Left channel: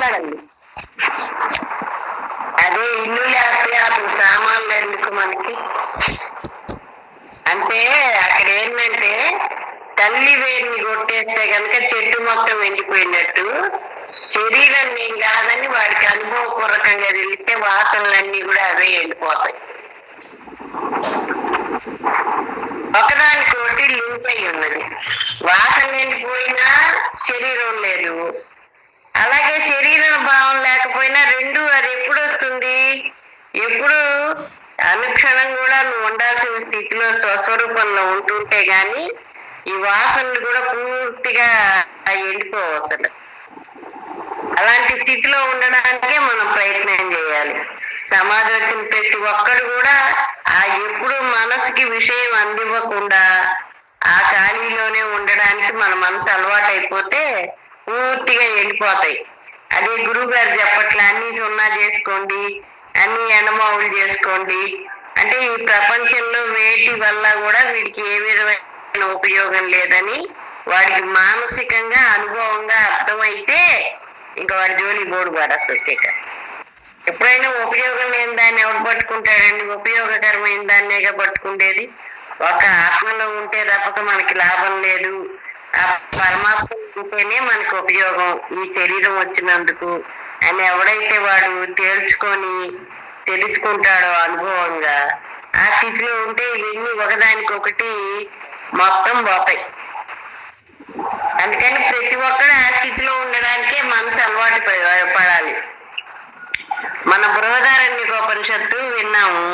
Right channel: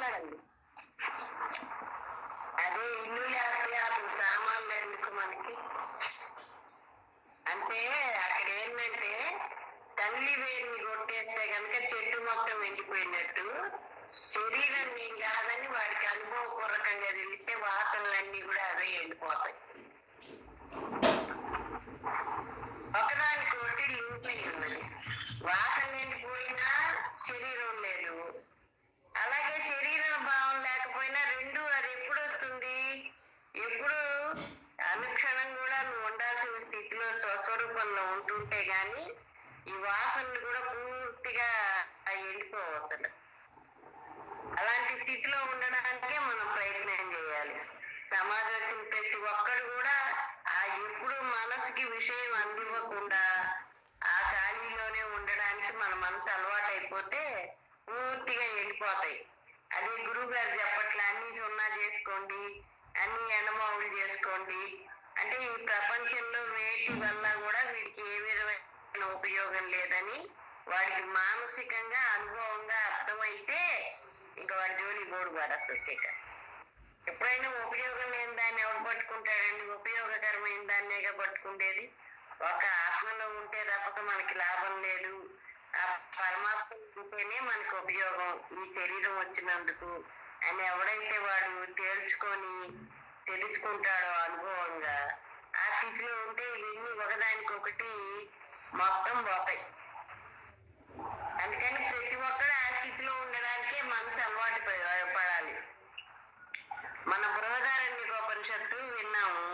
మాట్లాడండి. అదే ఇల్లు లేకపోతే అప్పుడు సామాన్లు ఎందుకు మనకి? అంటే అక్కడ ఏంటంటే తల్లి వేడిని కొట్టేస్తే కనుక చెట్టు మొత్తం ఎండిపోయినట్టు, శరీరం ఏం కాదని వాడికి అనుభవపూర్వకంగా తెలిస్తే వాసనలన్నీ కూడా అవే ఎండిపోతాయి. ఒకదానికోటి లింక్ అయి ఉన్నది. వాసన ఎండిపోయినా శరీరం లేదు, అలాగే శరీర భావం లేకపోయినా రెండు. అది ఎప్పుడు వస్తుంది? ఎప్పుడు అనుక్షణం కూడా నువ్వు ఉండాల్సిన స్థితిలో స్వస్వరూపంలో ఉంటుంటే గాని ఈ వాసనలు కూడా పూర్తిగా ఎండిపోవచ్చు. అలాంటి స్థితిలో ఉండడానికే మనం ప్రయత్నం చేయాలి. సమాజం వచ్చిన ప్రతి ఒక్కరు కూడా ఆ ఎప్పుడు మనసుకి విషయం అందివ్వకుండా ఆ ఖాళీలోనే ఉండడానికి మన మనసు అలవాటు అయిపోతే పూర్తిగా ఎండిపోతాయి. అదే గురువు గారు చెప్పట్లే అన్ని సున్నా చేసుకోండి, అన్ని ఎండమావులు చేసుకోండి అంటే ఈ ప్రపంచంలో వేటి వల్ల కూడా వీడికి ఏ విధమైన ఉపయోగం లేదని వాడికి మానసికంగా అనుభవంగా అర్థమైతే ఇంకా వాడి జోలి బోడు వాడు అసలు. ఎప్పుడైనా ఉపయోగం లేని దాన్ని ఎవరు పట్టుకుంటాడండి? ఉపయోగకరమైన దాన్నేగా పట్టుకుండేది. ఒక ఆత్మలో ఉంటే తప్పక మనకి లాభం లేదు. ఆ పరమాత్మ ఉంటేనే మనకు ఉపయోగం ఈ శరీరం వచ్చినందుకు అని ఎవడైతే వాడు తేల్చుకొని తెలుసుకుంటాడో అనుభవంగా, ఆ స్థితిలో ఉంటే ఇవన్నీ ఒకదానికొకటి మొత్తం పోతాయి. అందుకని ప్రతి ఒక్కరు ఆ స్థితిలో ఉండడానికే మనసు అలవాటు పడాలి. మన బృహదారణ్యకోపనిషత్తు విన్నాము.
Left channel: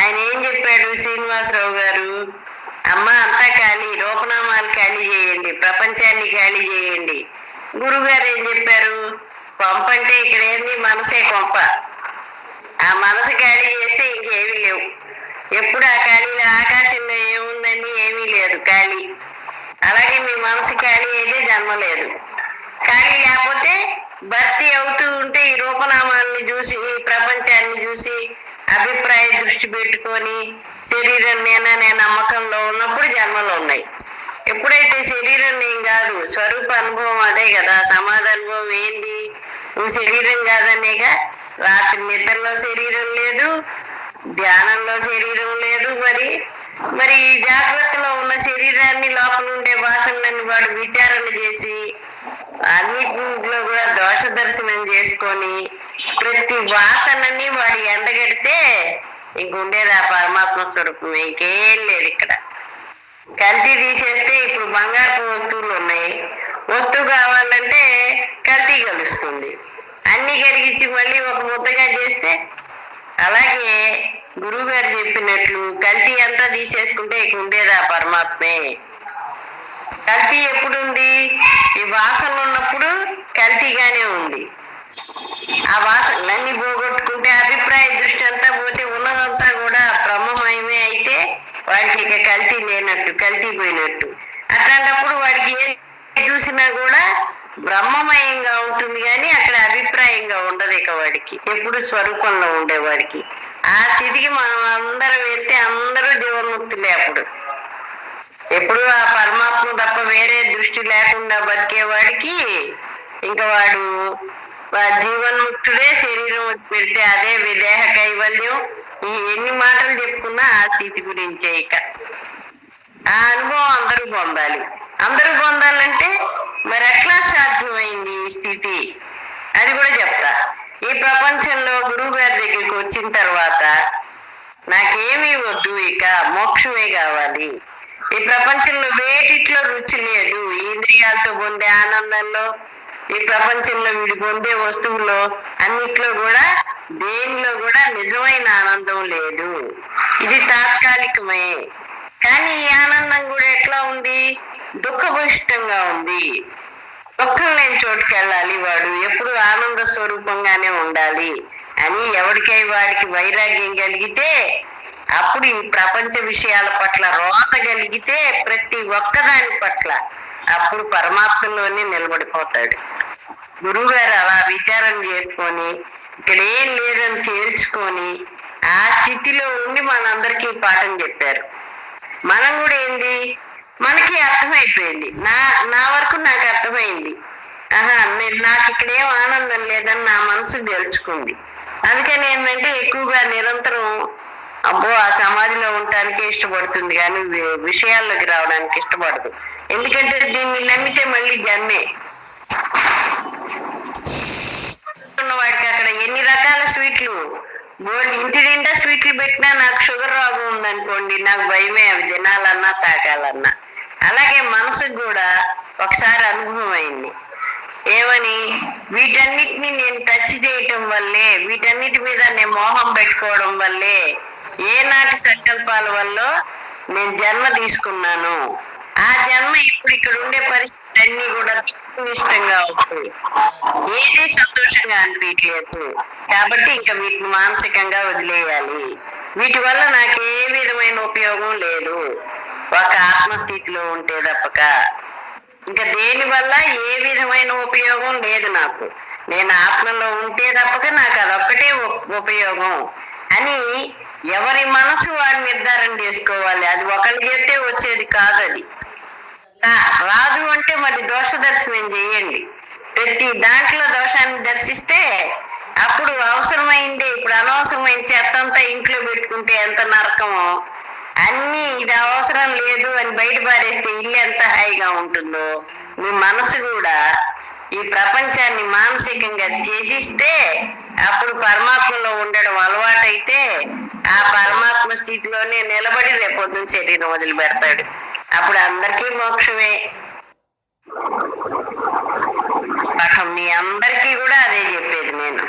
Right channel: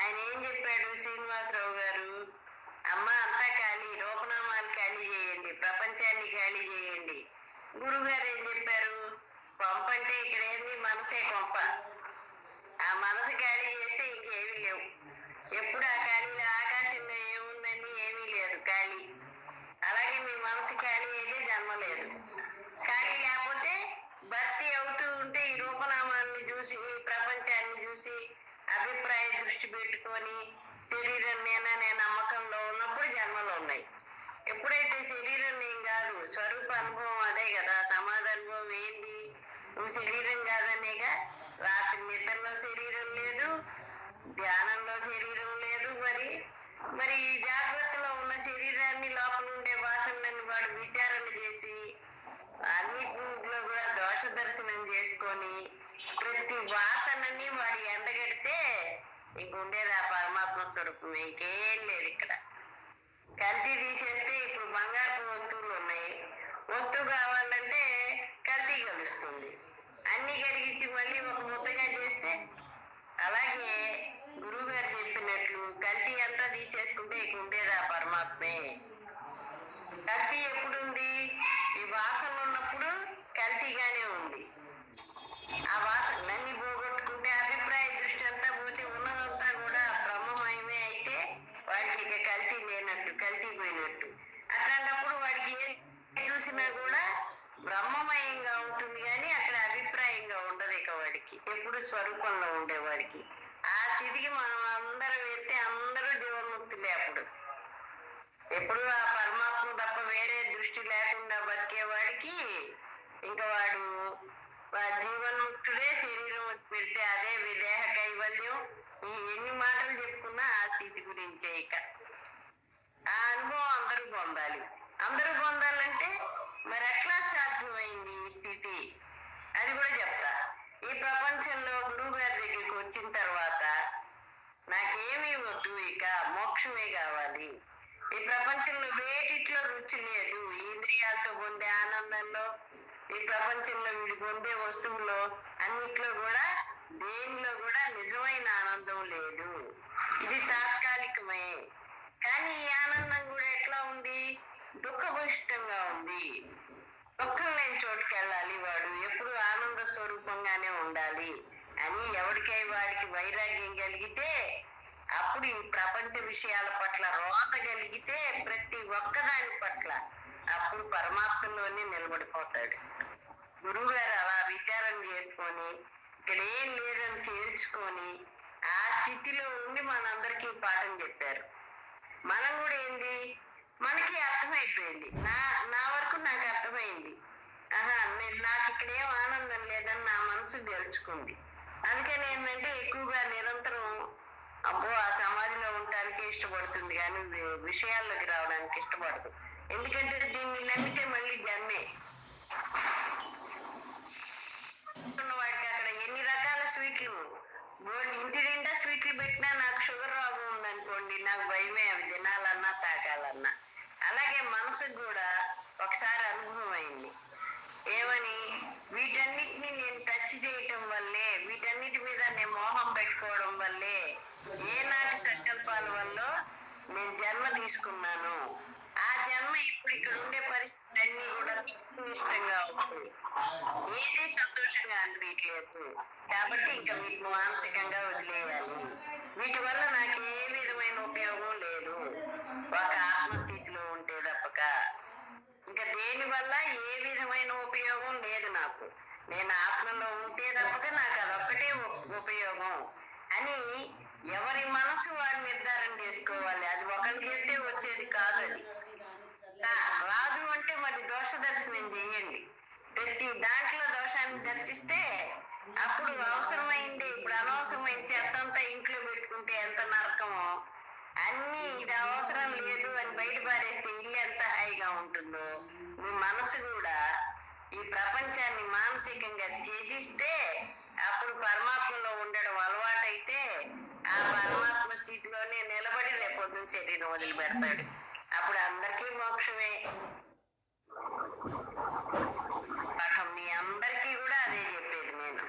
ఆయన ఏం చెప్పాడు శ్రీనివాసరావు గారు? అమ్మ అంతా ఖాళీ, రూపనామాలు ఖాళీ చేయండి, ప్రపంచాన్ని ఖాళీ చేయండి. గురువు గారు ఏం చెప్పారు? కొంప అంటే ఇక్కడ ఏంది? మనసే కొంప. ఆ మనసు ఖాళీ చేస్తే ఇంకేమీ లేవు. ఎప్పుడు ఆ ఖాళీలో ఆకాశంలో ఏముందండి? ఏమీ లేదు, ఖాళీ. అలాగే మీ మనసు ఖాళీ అయితే జన్మ లేదు. ఖాళీ లేకపోతే భర్తీ అవుతూ ఉంటే ఈ రూపనామాన్ని చూసి, ఈ ప్రపంచాన్ని చూసి అభిప్రాయ దృష్టి పెట్టుకొని శరీరం నేననే నమ్మకంలో ఉన్నప్పుడు జన్మలు ఉన్నాయి. ఎప్పుడైతే శరీరం నేను కాదు, స్వరూప అనుభవం అదే కదా. సమాధి అనుభవం ఏంటి? నువ్వు శరీరం కాదనేగా. రాత్రి నిద్రలో శరీరం లేదు, ధ్యానంలో శరీరం లేదు. మరి ఈ జాగ్రత్తలో ఉన్న శరీరాన్ని, లోపల ఉండే వాసనలని వాడు విచారణ చేసి అన్నింటిలో కూడా దోష దర్శనం చేసుకొని ప్రతి వాసనని వాడు ఎండగడితే ఇంకుండేది ఆ పరమాత్మ స్వరూపమే, ఇంకేం లేదు. ఇక్కడ కల్తీ తీసేస్తే ఇప్పుడు బంగారపు వస్తువులు ఉన్నాయి. వస్తువు కావాలంటే కల్తీ కలుస్తుంది. అన్ని కరిగించి మళ్ళీ ఒక ముద్దగా చేస్తే, అలాగే గురువు గారు చెప్పినట్లు కల్తీ అంతా తీసేసుకుంటే ఇక ఉండేది ఆ పరమాత్మే. కల్తీ ఎప్పుడుంది? ఈ వాసన ఉన్నప్పుడు కల్తీగానే ఉంది. ఆ వాసనలన్నీ పోగొట్టుకుంటే అభిప్రాయ దృష్టి అంతా పోతే ఉన్నదంతా కూడా బ్రహ్మమయమే అయితే వాడికి ఇక కల్తీ లేనట్టు, కల్తీ పోయినట్టు. అట్లాంటప్పుడు వాడికి ఏం చూసినా కూడా బ్రహ్మమయంగా ఉంటుంది, కానీ అక్కడ అభిప్రాయంగా ఉండదు. ఇక వాడికి ఎప్పుడు స్వరూపంలో ఉండేవాడికి ఆ స్థితికి మనం అందరం వెళ్తే అందరూ జీవన్ముక్తులే. అప్పుడు ఎప్పుడు ఆ పరమాత్మ తప్ప వేరే దృష్టి లేకుండా బతికేవాడికి ఇంకా వాడు జీవన్ముక్తుడే. శరీరం పెడితే అదే విదేహ కైవల్యం. ఈ ఎన్ని మాటలు చెప్పుకున్నా ఆ స్థితి గురించే. ఇక ఆ అనుభవం అందరూ పొందాలి. అందరూ పొందాలంటే మరి ఎట్లా సాధ్యమైంది ఈ స్థితి? అది కూడా చెప్తా. ఈ ప్రపంచంలో గురువు గారి దగ్గరికి వచ్చిన తర్వాత నాకేమీ వద్దు, ఇక మోక్షమే కావాలి. ఈ ప్రపంచంలో వేటిట్లో రుచి లేదు. ఇంద్రియాలతో పొందే ఆనందంలో, ఈ ప్రపంచంలో వీడి పొందే వస్తువులో అన్నిట్లో కూడా దేనిలో కూడా నిజమైన ఆనందం లేదు. ఇది తాత్కాలికమే. కానీ ఈ ఆనందం కూడా ఎట్లా ఉంది? దుఃఖభూయిష్టంగా ఉంది. దుఃఖం లేని చోటుకి వెళ్ళాలి వాడు, ఎప్పుడు ఆనంద స్వరూపంగానే ఉండాలి అని ఎవరికై వాడికి వైరాగ్యం కలిగితే, అప్పుడు ఈ ప్రపంచ విషయాల పట్ల రోత కలిగితే ప్రతి ఒక్కదాని పట్ల అప్పుడు పరమాత్మలోనే నిలబడిపోతాడు. గురువు గారు అలా విచారణ చేసుకొని ఇక్కడ ఏం లేదని తేల్చుకొని ఆ స్థితిలో ఉండి మనందరికీ పాఠం చెప్పారు. మనం కూడా ఏంది, మనకి అర్థమైపోయింది. నా వరకు నాకు అర్థమైంది. నాకు ఇక్కడేం ఆనందం లేదని నా మనసు గెలుచుకుంది. అందుకని ఏంటంటే ఎక్కువగా నిరంతరం అబ్బో ఆ సమాధిలో ఉండటానికి ఇష్టపడుతుంది కానీ విషయాల్లోకి రావడానికి ఇష్టపడదు. ఎందుకంటే దీన్ని నమ్మితే మళ్ళీ జన్మే. వాడికి అక్కడ ఎన్ని రకాల స్వీట్లు, గోల్డ్ ఇంటి నిండా స్వీట్లు పెట్టినా నాకు షుగర్ రోగం ఉందనుకోండి, నాకు భయమే అవి తినాలన్నా తాకాలన్నా. అలాగే మనసుకు కూడా ఒకసారి అనుభవం అయింది. ఏమని? వీటన్నిటిని నేను టచ్ చేయటం వల్లే, వీటన్నిటి మీద నేను మోహం పెట్టుకోవడం వల్లే, ఏనాటి సంకల్పాల వల్ల నేను జన్మ తీసుకున్నాను. ఆ జన్మ ఇప్పుడు ఇక్కడ ఉండే పరిస్థితి అన్ని కూడా ఇష్టంగా అవుతుంది, ఏది సంతోషంగా అనిపించలేదు. కాబట్టి ఇంకా వీటిని మానసికంగా వదిలేయాలి. వీటి వల్ల నాకు ఏ విధమైన ఉపయోగం లేదు, ఒక ఆత్మస్థితిలో ఉంటే తప్పక ఇంకా దేని వల్ల ఏ విధమైన ఉపయోగం లేదు నాకు. నేను ఆత్మలో ఉంటే తప్పక నాకు అదొక్కటే ఉపయోగం అని ఎవరి మనసు వాడు నిర్ధారణ చేసుకోవాలి. అది ఒకరికి చెప్తే వచ్చేది కాదు. అది రాదు అంటే మరి దోష దర్శనం చేయండి. ప్రతి దాంట్లో దోషాన్ని దర్శిస్తే అప్పుడు అవసరమైంది, ఇప్పుడు అనవసరమైన చెత్తంతా ఇంట్లో పెట్టుకుంటే ఎంత నరకమో, అన్ని ఇది అవసరం లేదు అని బయట పారేస్తే ఇల్లు ఎంత హాయిగా ఉంటుందో, మీ మనసు కూడా ఈ ప్రపంచాన్ని మానసికంగా త్యజిస్తే అప్పుడు పరమాత్మలో ఉండడం అలవాటైతే ఆ పరమాత్మ స్థితిలోనే నిలబడి రేపొద్దున శరీరం వదిలిపెడతాడు. అప్పుడు అందరికీ మోక్షమే. పాఠం మీ అందరికీ కూడా అదే చెప్పేది నేను.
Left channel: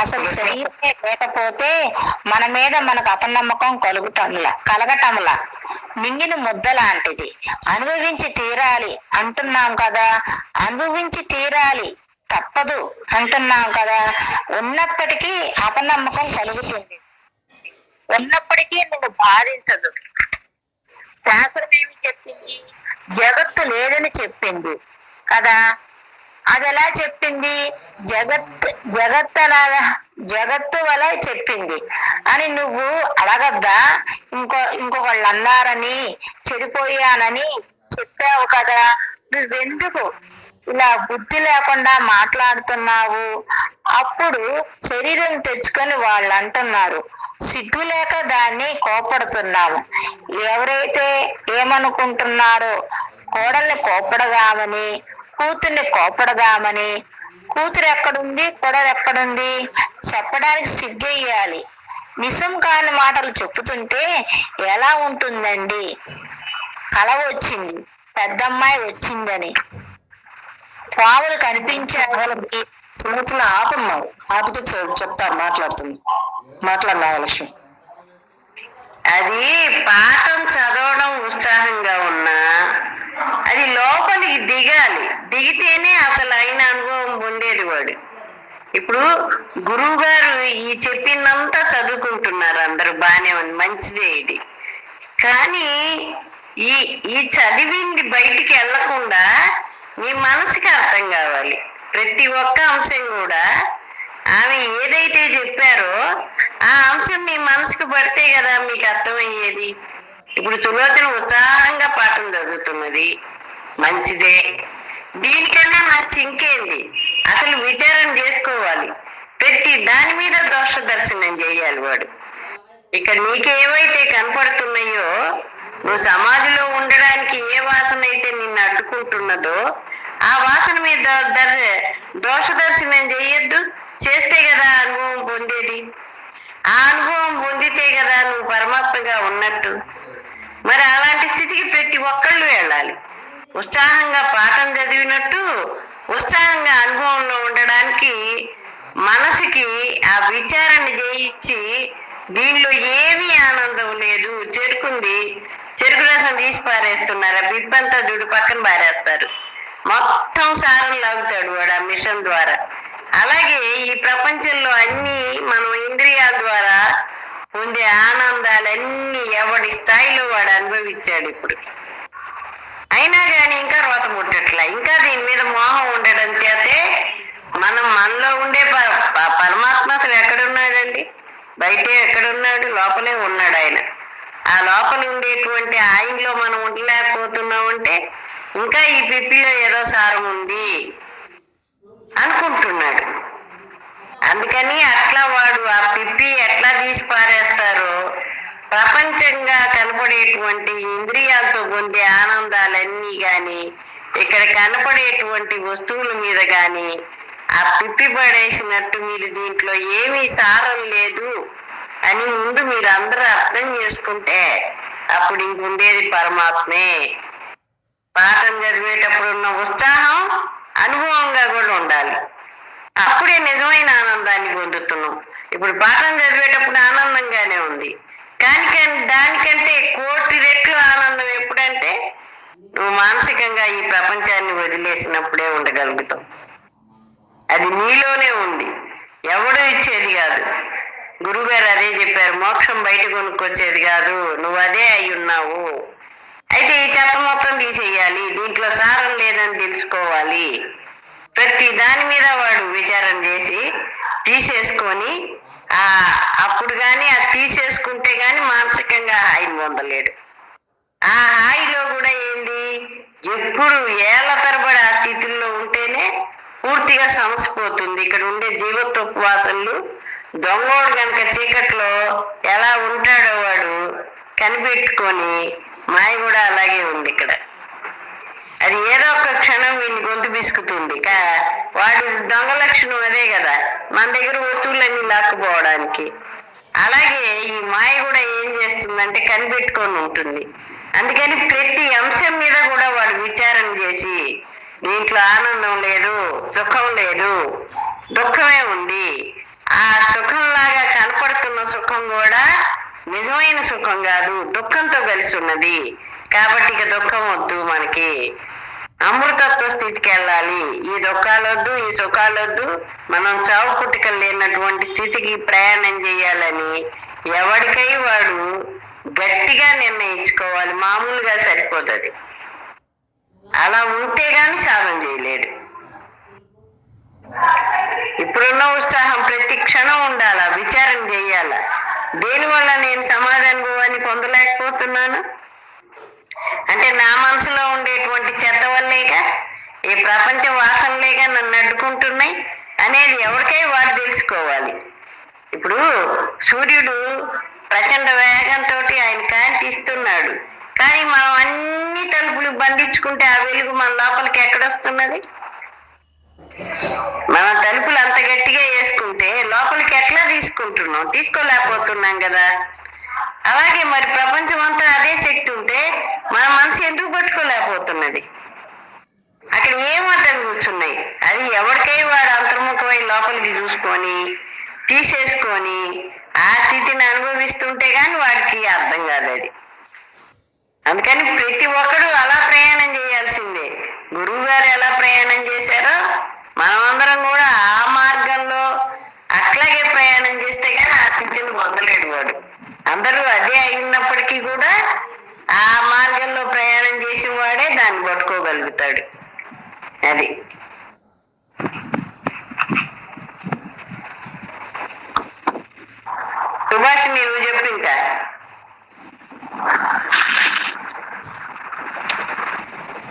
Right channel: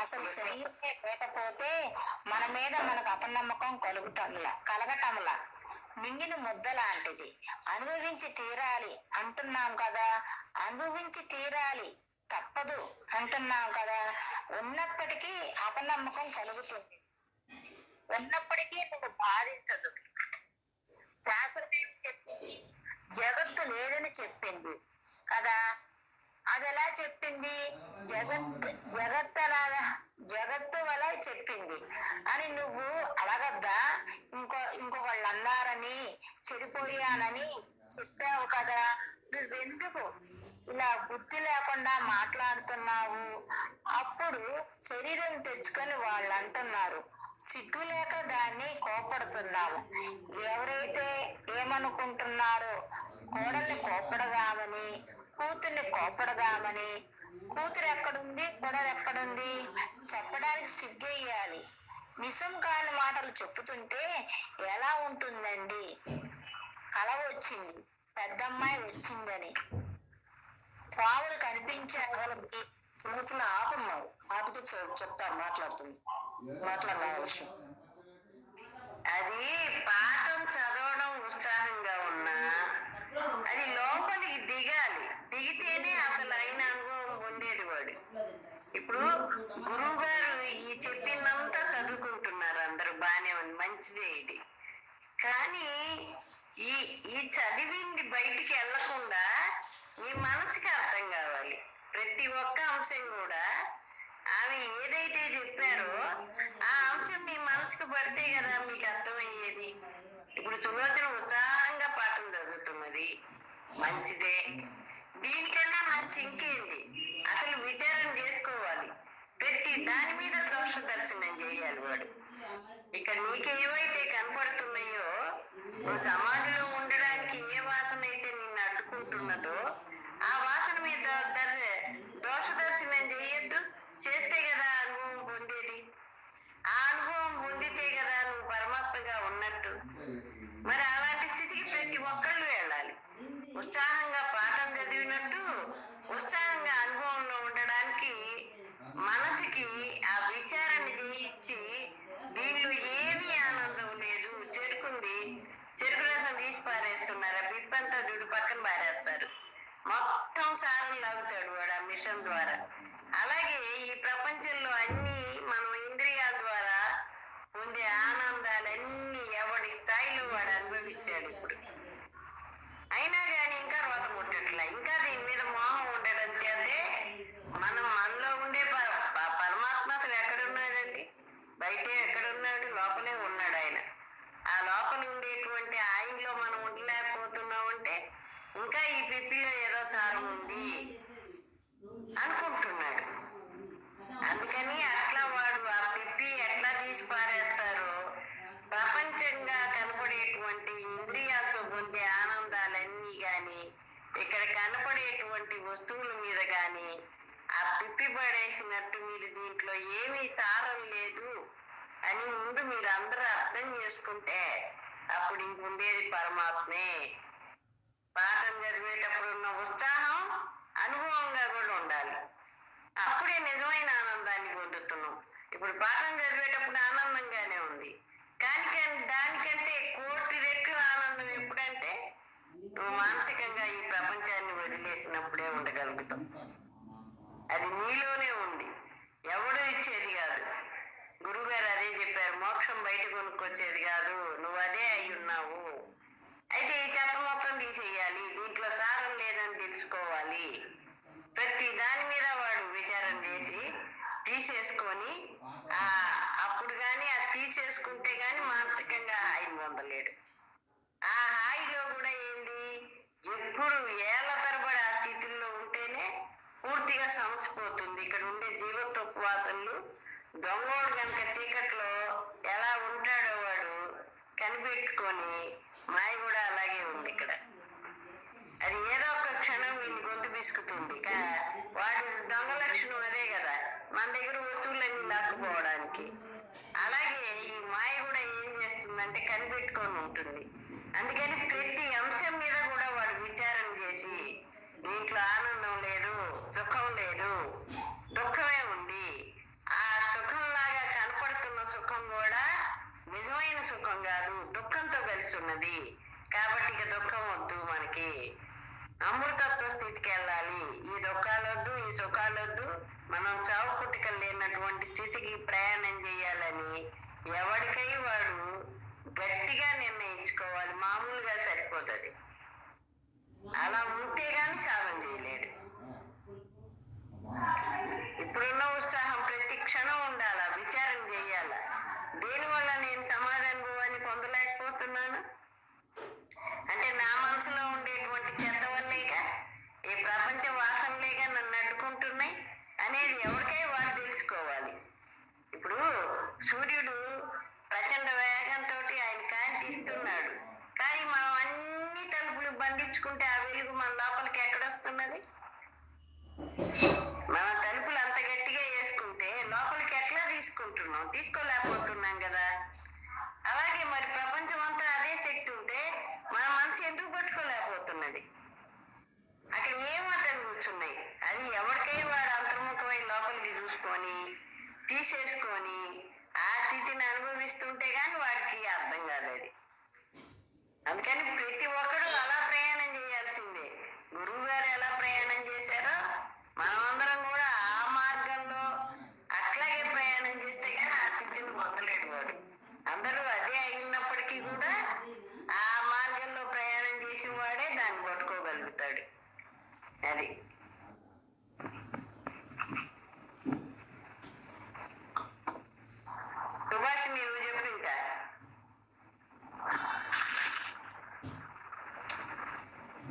అసలు శరీరమే లేకపోతే మన మీద మనకు అపనమ్మకం కలగటంలా మింగిన ముద్ద లాంటిది. అనుభవించి తీరాలి అంటున్నాం కదా, అనుభవించి తీరాలి తప్పదు అంటున్నాం కదా. ఉన్నప్పటికీ అపనమ్మకం కలుగుతుంది, ఉన్నప్పటికీ నువ్వు బాధించదు. శాస్త్రం ఏమి చెప్పింది? జగత్తు లేదని చెప్పింది కదా. అది ఎలా చెప్పింది? జగత్తు వల్ల చెప్పింది అని నువ్వు అడగద్దా? ఇంకొకళ్ళు అన్నారని, చెడిపోయానని చెప్పావు కదా. నువ్వెందుకు ఇలా బుద్ధి లేకుండా మాట్లాడుతున్నావు? అప్పుడు శరీరం తెచ్చుకొని వాళ్ళు అంటున్నారు, సిగ్గు లేక దాన్ని కోపడుతున్నాము. ఎవరైతే ఏమనుకుంటున్నారో కోడల్ని కోపడదామని, కూతుర్ని కోపడదామని, కూతురు ఎక్కడుంది, కోడలు ఎక్కడుంది చెప్పడానికి సిగ్గేయాలి. నిజం కాని మాటలు చెప్పుతుంటే ఎలా ఉంటుందండి? కల వచ్చింది, పెద్దమ్మాయి వచ్చిందని, పావులు కనిపించే వాళ్ళకి సుమతులు ఆపున్నావు, ఆపితే చెప్తారు. మాట్లాడిన లక్ష్యం. అది పాఠం చదవడం ఉత్సాహంగా ఉన్నా అది లోపలికి దిగాలి. దిగితేనే అసలు అయిన అనుభవం పొందేది వాడు. ఇప్పుడు గురువు గారు ఈ చెప్పిందంతా చదువుకుంటున్నారు అందరూ, బానే ఉంది, మంచిదే ఇది. కానీ ఈ చదివింది బయటికి వెళ్లకుండా మీ మనసుకి అర్థం కావాలి. ప్రతి ఒక్క అంశం కూడా ఆమె ఏదైతే చెప్పారో ఆ అంశం మీ మనసుకు పడితే కదా మీకు అర్థమయ్యేది. ఇప్పుడు సులోచన ఉత్సాహంగా పాఠం చదువుతున్నది, మంచిదే. దీనికన్నా మంచి ఇంకేంది? అసలు విచారణ చేసుకోవాలి. ప్రతి దాని మీద దోష దర్శనం చేయాలి వాడు. ఇక్కడ నీకేవైతే కనపడుతున్నాయో, నువ్వు సమాధిలో ఉండడానికి ఏ వాసన అయితే నిన్ను అడ్డుకుంటున్నదో ఆ వాసన మీద దోష దర్శనం చేయొద్దు. చేస్తే కదా అనుభవం పొందేది. ఆ అనుభవం పొందితే కదా నువ్వు పరమాత్మగా ఉన్నట్టు. మరి అలాంటి స్థితికి ప్రతి ఒక్కళ్ళు వెళ్ళాలి. ఉత్సాహంగా పాఠం చదివినట్టు ఉత్సాహంగా అనుభవంలో ఉండడానికి మనసుకి ఆ విచారణ చేయించి, దీనిలో ఏమీ ఆనందం లేదు, చెరుకు రసం తీసి పారేస్తున్నారు, ఆ బిబ్బంతా దుడి పక్కన పారేస్తారు, మొత్తం సారం లాగుతాడు వాడు ఆ మిషన్ ద్వారా. అలాగే ఈ ప్రపంచంలో అన్ని మనం ఇంద్రియాల ద్వారా పొందే ఆనందాలన్నీ ఎవడి స్థాయిలో వాడు అనుభవించాడు ఇప్పుడు. అయినా కానీ ఇంకా రోత ముట్టట్లా. ఇంకా దీని మీద మోహం ఉండడం చేతే మనలో ఉండే పరమాత్మ అసలు ఎక్కడున్నాడండి? బయటే ఎక్కడున్నాడు? లోపలే ఉన్నాడు ఆయన. ఆ లోపల ఉండేటువంటి ఆయనలో మనం ఉండలేకపోతున్నామంటే ఇంకా ఈ పిప్పిలో ఏదో సారం ఉంది అనుకుంటున్నాడు. అందుకని అట్లా వాడు ఆ పిప్పి ఎట్లా తీసి పారేస్తారో ప్రపంచంగా కనపడేటువంటి ఇంద్రియాలతో పొందే ఆనందాలన్నీ గాని, ఇక్కడ కనపడేటువంటి వస్తువుల మీద గాని ఆ పిప్పి పడేసినట్టు మీరు దీంట్లో ఏమీ సారం లేదు అని ముందు మీరు అందరూ అర్థం చేసుకుంటే అప్పుడు ఇంకుండేది పరమాత్మే. పాఠం చదివేటప్పుడు ఉన్న ఉత్సాహం అనుభవంగా కూడా ఉండాలి. అప్పుడే నిజమైన ఆనందాన్ని పొందుతున్నాం. ఇప్పుడు పాఠం చదివేటప్పుడు ఆనందంగానే ఉంది, కానీ దానికంటే కోటి రెట్లు ఆనందం ఎప్పుడంటే నువ్వు మానసికంగా ఈ ప్రపంచాన్ని వదిలేసినప్పుడే ఉండగలుగుతావు. అది నీలోనే ఉంది, ఎవడు ఇచ్చేది కాదు. గురువుగారు అదే చెప్పారు, మోక్షం బయట కొనుక్కొచ్చేది కాదు, నువ్వు అదే అయి ఉన్నావు. అయితే ఈ చెత్త మొత్తం తీసేయాలి, దీంట్లో సారం లేదని తెలుసుకోవాలి. ప్రతి దాని మీద వాడు విచారం చేసి తీసేసుకొని అప్పుడు కానీ అది తీసేసుకుంటే కానీ మానసికంగా హాయిని పొందలేడు. ఆ హాయిలో కూడా ఏంది, ఎప్పుడు ఏళ్ల తరబడి ఆ స్థితుల్లో ఉంటేనే పూర్తిగా సమసిపోతుంది. ఇక్కడ ఉండే జీవత్వపు వాసనలు దొంగోడు కనుక చీకట్లో ఎలా ఉంటాడో వాడు కనిపెట్టుకొని మాయ కూడా అలాగే ఉంది ఇక్కడ. అది ఏదో ఒక క్షణం వీడిని గొంతు బిసుకుతుంది. వాడి దొంగ లక్షణం అదే కదా, మన దగ్గర వస్తువులన్నీ లాక్కుపోవడానికి. అలాగే ఈ మాయ కూడా ఏం చేస్తుందంటే కనిపెట్టుకొని ఉంటుంది. అందుకని ప్రతి అంశం మీద కూడా వాడు విచారం చేసి దీంట్లో ఆనందం లేదు, సుఖం లేదు, దుఃఖమే ఉంది. ఆ సుఖంలాగా కనపడుతున్న సుఖం కూడా నిజమైన సుఖం కాదు, దుఃఖంతో కలిసి ఉన్నది. కాబట్టి ఇక దుఃఖం వద్దు, మనకి అమృతత్వ స్థితికి వెళ్ళాలి. ఈ దుఃఖాలొద్దు, ఈ సుఖాలొద్దు, మనం చావు పుట్టుకలు లేనటువంటి స్థితికి ప్రయాణం చేయాలని ఎవరికై వాడు గట్టిగా నిర్ణయించుకోవాలి. మామూలుగా సరిపోతుంది, అలా ఉంటే గాని సాధన చేయలేడు. ఇప్పుడున్న ఉత్సాహం ప్రతి క్షణం ఉండాలా, విచారం చేయాలా. దేనివల్ల నేను సమాధానాన్ని పొందలేకపోతున్నాను అంటే నా మనసులో ఉండేటువంటి చెత్త వల్లేగా, ఈ ప్రపంచ వాసనలేగా నన్ను అడ్డుకుంటున్నాయి అనేది ఎవరికై వాడు తెలుసుకోవాలి. ఇప్పుడు సూర్యుడు ప్రచండ వేగంతో ఆయన కాంతి ఇస్తున్నాడు, కానీ మనం అన్ని తలుపులు బంధించుకుంటే ఆ వెలుగు మన లోపలికి ఎక్కడొస్తున్నది? మన తలుపులు అంత గట్టిగా వేసుకుంటే లోపలికి ఎట్లా తీసుకుంటున్నాం? తీసుకోలేకపోతున్నాం కదా. అలాగే మరి ప్రపంచం అంతా అదే శక్తి ఉంటే మన మనసు ఎందుకు పట్టుకోలేకపోతున్నది? అక్కడ ఏం అడ్డం కూర్చున్నాయి? అది ఎవరికై వాడు అంతర్ముఖమై లోపలికి చూసుకొని తీసేసుకొని ఆ స్థితిని అనుభవిస్తుంటే గాని వాడికి అర్థం కాదు అది. అందుకని ప్రతి ఒక్కడు అలా ప్రయాణం చేయాల్సిందే. గురువు గారు ఎలా ప్రయాణం చేశారో మనమందరం కూడా ఆ మార్గంలో అట్లాగే ప్రయాణం చేస్తే కానీ ఆ స్థితిని పొందలేడు వాడు. అందరూ అదే అయినప్పటికీ కూడా ఆ మార్గంలో ప్రయాణం చేసిన వాడే దాన్ని పట్టుకోగలుగుతాడు. అది సుభాష్, నువ్వు చెప్పు ఇంకా.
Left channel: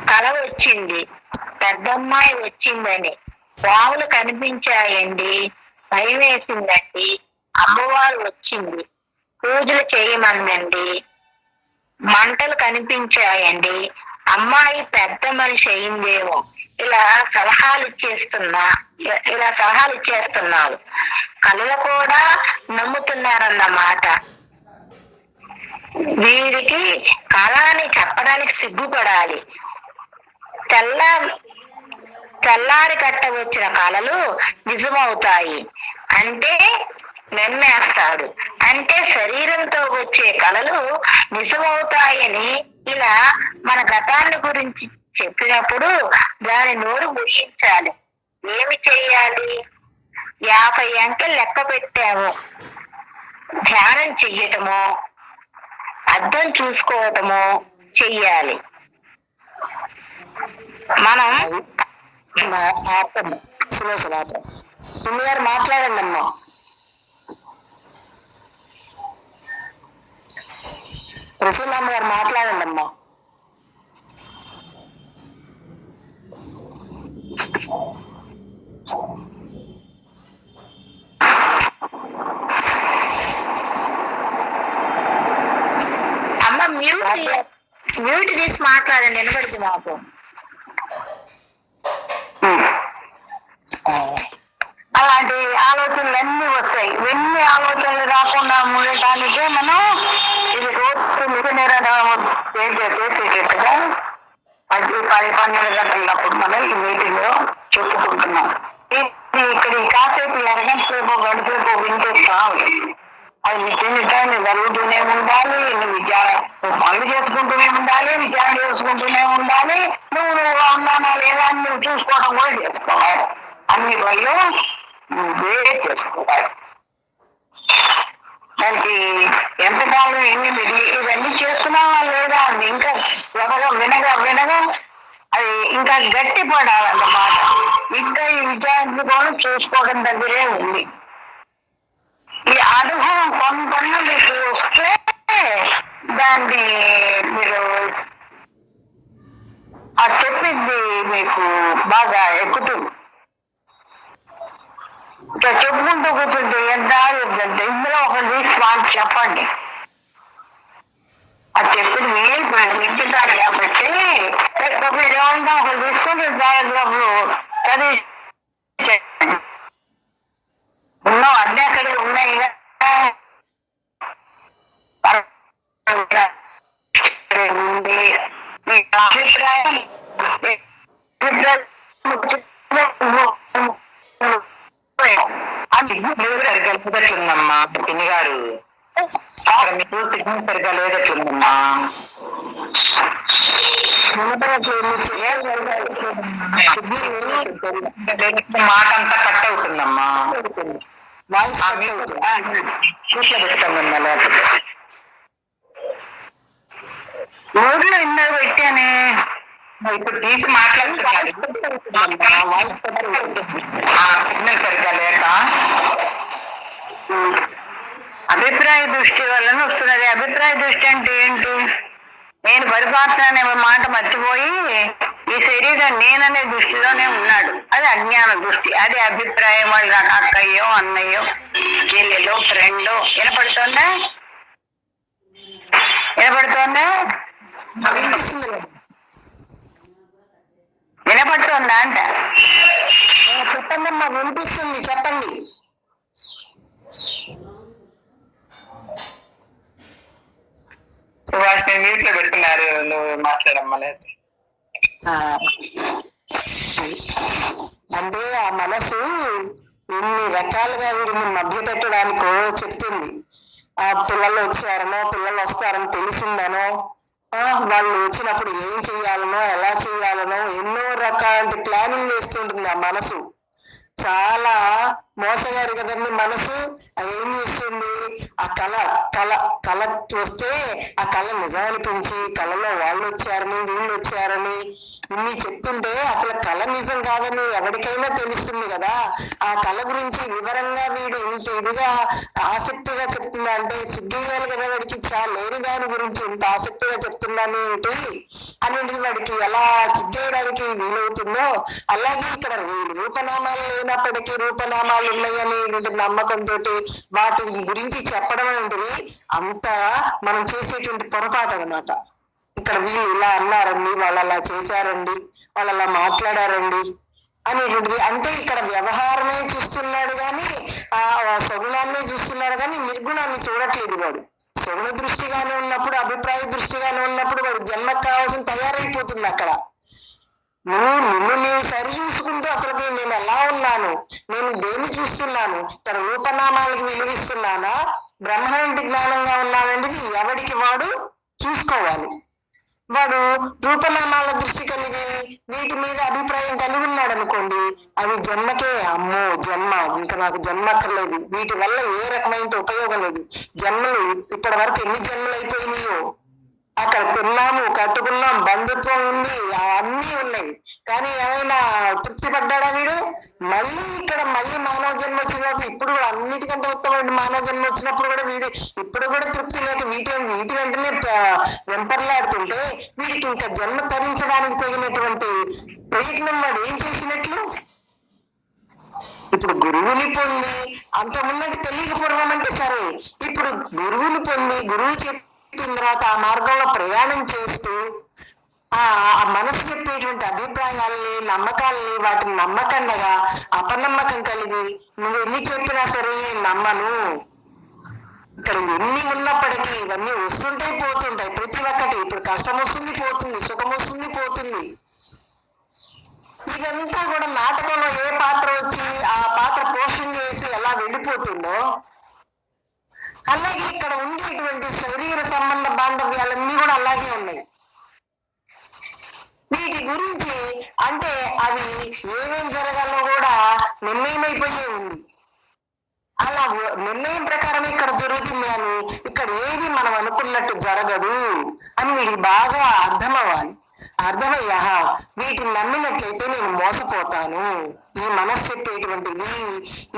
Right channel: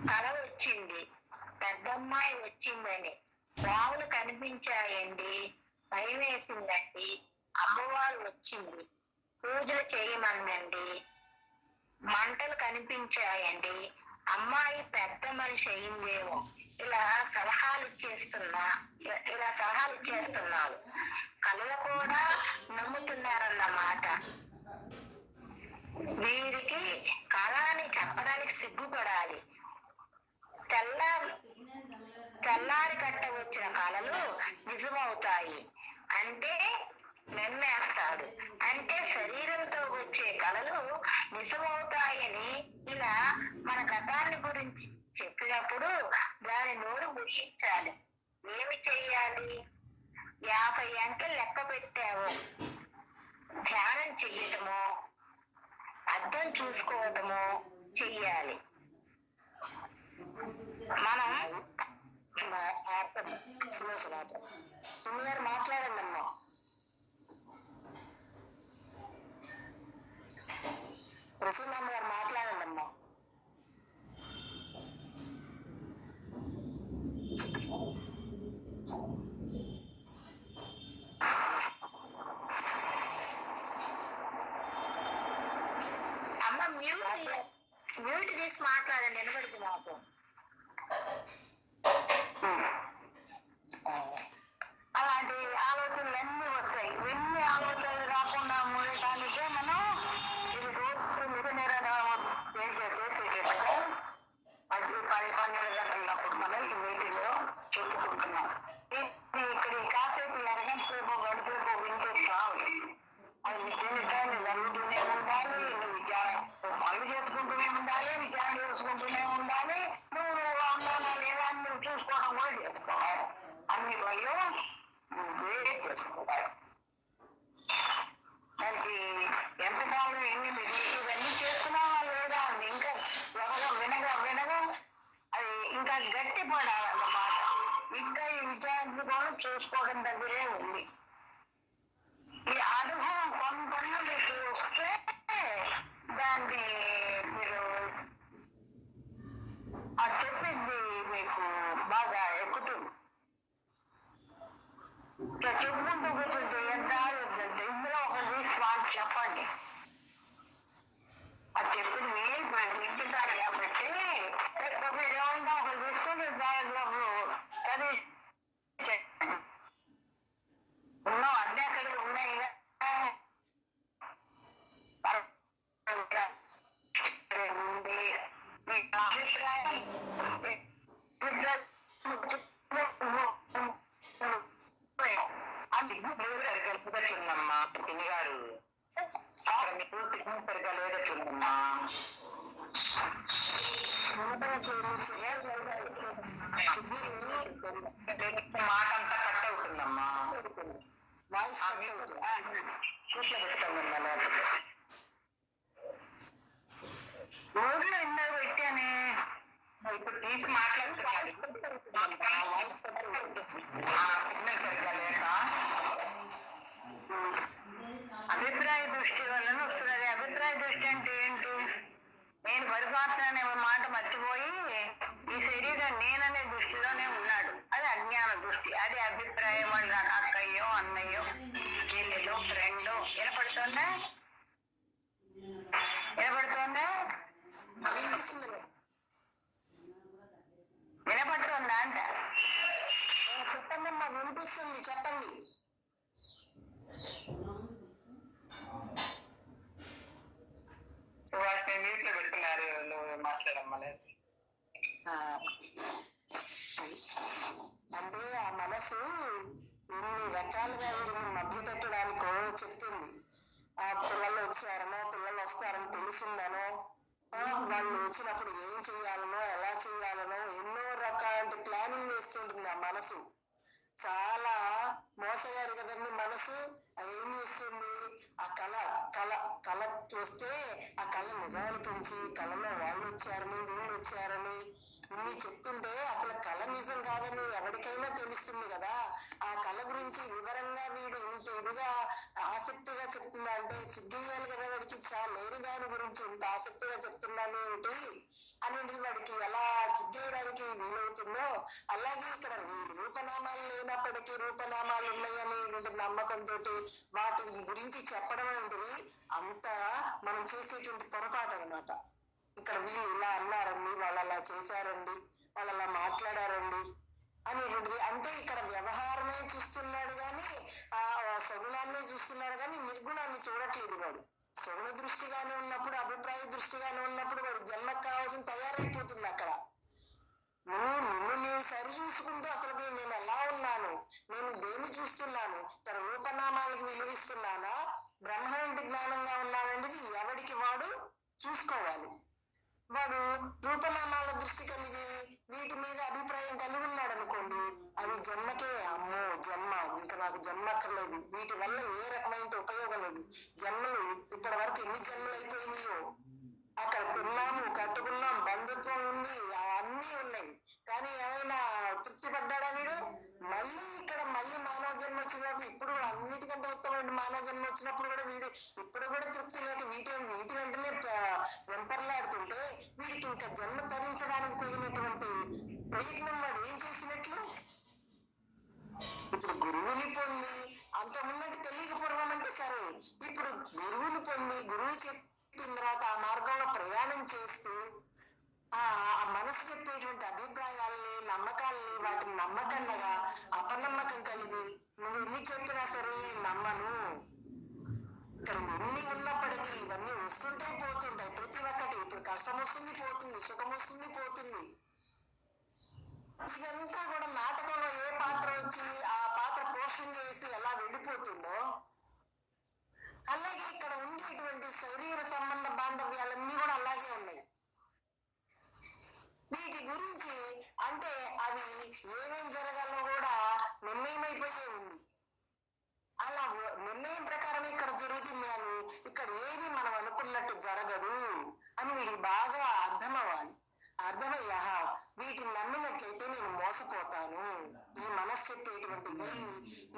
కల వచ్చింది, పెద్దమ్మాయి వచ్చిందని పాములు కనిపించాయండి, భయం వేసిందండి. అమ్మవారు వచ్చింది, పూజలు చేయమందండి. మంటలు కనిపించాయండి, అమ్మాయి పెద్ద మనిషి అయిందేమో. ఇలా సలహాలు ఇచ్చేస్తున్నారు. కళలు కూడా నమ్ముతున్నారన్నమాట. వీరికి కళని చెప్పడానికి సిగ్గుపడాలి. తెల్లారి కట్ట వచ్చిన కళలు నిజమవుతాయి అంటే నమ్మేస్తాడు. అంటే శరీరంతో వచ్చే కళలు నిజమవుతాయని ఇలా మన గతాన్ని గురించి చెప్పినప్పుడు దాని నోరు ముగించాలి. ఏమి చెయ్యాలి? 50 అంకెలు లెక్క పెట్టాము. ధ్యానం చెయ్యటము, అర్థం చూసుకోవటము చెయ్యాలి. మనం సులోచనాథం. పిన్ని గారు మాట్లాడండి అమ్మా. ప్రసూనామ్మ గారు మాట్లాడండి అమ్మా. అమ్మ మ్యూట్ తీసి మాట్లాడండి, వినబడింది మాకు. అలాంటి ఆలోచనలు అన్ని వస్తాయి. ఎన్ని ఆలోచనలు రాకుండా ఉండటానికే మనం ఇది రోజు చేసేటట్టుగా 10-12 గంటలప్పుడు మనం ఈ మీటింగ్ లో చెప్పుకుంటున్నాం. ఇక్కడ ఈ కాసేపు అరగంట సేపు గంటసేపు వినిపిస్తా అది నిత్యం జరుగుతూనే ఉండాలి. నువ్వు పనులు చేసుకుంటూనే ఉండాలి, విచారణ చేసుకుంటూనే ఉండాలి. నువ్వు ఉన్నానా లేదా అని నువ్వు చూసుకోవడం కూడా చేసుకోవాలి. అన్ని పనులు నువ్వే చేసుకోవాలి. దానికి ఎంతకాలం ఇవన్నీ చేస్తున్నావా లేదా అని ఇంకా వినగా అది ఇంకా గట్టి పడాలన్నమాట. ఇంకా ఈ విచారణ కూడా చూసుకోవడం దగ్గరే ఉంది. ఈ అనుభవం కొంత మీకు వస్తే దాన్ని మీరు ఆ చెప్పింది మీకు బాగా ఎక్కుతుంది. ఇంకా చెప్పుకుంటూ కూర్చుంటే ఎంత ఆగుతుందంటే ఇందులో ఒకటి తీసి వాళ్ళు చెప్పండి. అది చెప్పింది మీరు నింపుతారు కాబట్టి మీరు ఏమన్నా ఒకటి తీసుకుంటే దాదాపు చదివి ఉన్నావు అన్నీ అక్కడే ఉన్నాయి అభిప్రాయం సిగ్నల్ సరిగ్గా లేదట్లుందమ్మా పిన్ని గారు. అక్కడ మీకు సిగ్నల్ సరిగ్గా లేదట్లుందమ్మా. మాట అంతా కట్ అవుతుందమ్మా. వాయిస్ చూసే పెడతామమ్మా. లేకపోతే ఊర్లో ఇన్నర్ పెట్టానే ఇప్పుడు తీసి మాట్లాడుతున్నాను. సిగ్నల్ సరిగ్గా లేక అభిప్రాయ దృష్టి వలన వస్తున్నది. అభిప్రాయ దృష్టి అంటే ఏంటి? నేను పరిపాలన మాట మర్చిపోయి ఈ శరీరం నేననే దృష్టిలోనే ఉన్నాడు. అది అజ్ఞాన దృష్టి. అది అభిప్రాయం. వాళ్ళు నాకు అక్కయ్యో అన్నయ్యో చెల్లెలో ఫ్రెండో వినపడుతుందా? వినపడుతుందా అంట? చెప్పండి అమ్మా, వినిపిస్తుంది, చెప్పండి. సుభాష్ మ్యూట్ లో పెడుతున్నారు, నువ్వు మాట్లాడమ్మా. లేదు అంటే ఆ మనసు ఎన్ని రకాలుగా వీడిని మభ్య పెట్టడానికో చెప్తుంది. ఆ పిల్లలు వచ్చారనో పిల్లలు వస్తారని తెలిసిందనో వాళ్ళు వచ్చినప్పుడు ఏం చెయ్యాలనో ఎలా చెయ్యాలనో ఎన్నో రకాల ప్లానింగ్ వేస్తుంటుంది ఆ మనసు. చాలా మోసగారు కదండి మనసు. అది ఏం చేస్తుంది? ఆ కళ వస్తే ఆ కళ నిజం అనిపించి కళలో వాళ్ళు వచ్చారని వీళ్ళు వచ్చారని ఇన్ని చెప్తుంటే అసలు కళ నిజం కాదని ఎవరికైనా తెలుస్తుంది కదా. ఆ కళ గురించి వివరంగా వీడు ఇంత ఇదిగా ఆసక్తిగా చెప్తున్నా అంటే సిగ్గేయాలి కదా వాడికి. లేని దాని గురించి ఇంత ఆసక్తిగా చెప్తున్నాను ఏంటి అనేది వాడికి ఎలా సిగ్గేయడానికి వీలవుతుందో, అలాగే ఇక్కడ రూపనామాలు లేనప్పటికీ రూపనామాలు ఉన్నాయని నమ్మకంతో వాటి గురించి చెప్పడం అనేది అంత మనం చేసేటువంటి పొరపాటు అనమాట. ఇక్కడ వీళ్ళు ఇలా అన్నారండి, వాళ్ళు అలా చేశారండి, వాళ్ళు అలా మాట్లాడారండి అనేటువంటిది. అంటే ఇక్కడ వ్యవహారమే చూస్తున్నాడు కానీ ఆ సగుణాన్ని చూస్తున్నాడు కానీ నిర్గుణాన్ని చూడట్లేదు వాడు. సగుణ దృష్టిగానే ఉన్నప్పుడు, అభిప్రాయ దృష్టిగానే ఉన్నప్పుడు వాడు జన్మకు కావాల్సిన తయారైపోతుంది. అక్కడ నీవు సరి చూసుకుంటూ అసలు నేను ఎలా ఉన్నాను, నేను దేన్ని చూస్తున్నాను, ఇక్కడ రూపనామాలకు విలువిస్తున్నానా, బ్రహ్మాండ జ్ఞానంగా ఉన్నాననేది ఎవడికి వాడు చూసుకోవాలి. వాడు రూపనామాల దృష్టి కలిగి వీటి మీద అభిప్రాయం కలిగి ఉన్నాడు అనుకోండి, అది జన్మకే అమ్మో జన్మ, ఇంకా నాకు జన్మ అక్కర్లేదు, వీటి వల్ల ఏ రకమైన ఉపయోగం లేదు. జన్మలు ఇప్పటి వరకు ఎన్ని జన్మలు అయిపోయినాయో, అక్కడ తిన్నాము, కట్టుకున్నాం, బంధుత్వం ఉంది, అన్నీ ఉన్నాయి, కానీ ఏమైనా తృప్తి పడ్డాడా వీడు? మళ్ళీ ఇక్కడ మళ్ళీ మానవ జన్మ వచ్చిన తర్వాత ఇప్పుడు కూడా అన్నిటికంటే ఉత్తమమైన మానవ జన్మ వచ్చినప్పుడు కూడా వీడు ఇప్పుడు కూడా తృప్తి లేక వీటి వెంటనే వెంపర్లాడుతుంటే వీడికి ఇంకా జన్మ తరించడానికి తగినటువంటి ప్రయత్నం వాడు ఏం చేసినట్లు? ఇప్పుడు గురువుని పొంది అంత ముందంటే తెలియకపోవడం అంటే సరే, ఇప్పుడు గురువుని పొంది గురువు చెప్పిన తర్వాత ఆ మార్గంలో ప్రయాణం చేస్తూ ఆ మనసు చెప్పేటువంటి అభిప్రాయాల్ని నమ్మకాలని వాటిని నమ్మకండగా అపనమ్మకం కలిగి నువ్వు ఎన్ని చెప్పినా సరే నేను నమ్మను, ఇక్కడ ఎన్ని ఉన్నప్పటికీ ఇవన్నీ వస్తుంటాయి పోతుంటాయి ప్రతి ఒక్కటి, ఇప్పుడు కష్టం వస్తుంది పోతుంది, సుఖం వస్తుంది పోతుంది, ఇదంతా కూడా నాటకంలో ఏ పాత్ర వచ్చి ఆ పాత్ర పోషణ చేసి ఎలా వెళ్ళిపోతుందో అలాగే ఇక్కడ ఉండేటువంటి శరీర సంబంధ బాంధవ్యాలన్నీ కూడా అలాగే ఉన్నాయి. వీటి గురించి అంటే అవి ఏమేం జరగాలో కూడా నిర్ణయమైపోయే ఉంది. అలా నిర్ణయం ప్రకారం ఇక్కడ జరుగుతుంది అని ఇక్కడ ఏది మనం అనుకున్నట్టు జరగదు అని వీడికి బాగా అర్థమవ్వాలి. అర్థమయ్యా వీటిని నమ్మినట్లయితే నేను మోసపోతాను, ఈ మనస్సు చెప్పేటువంటిది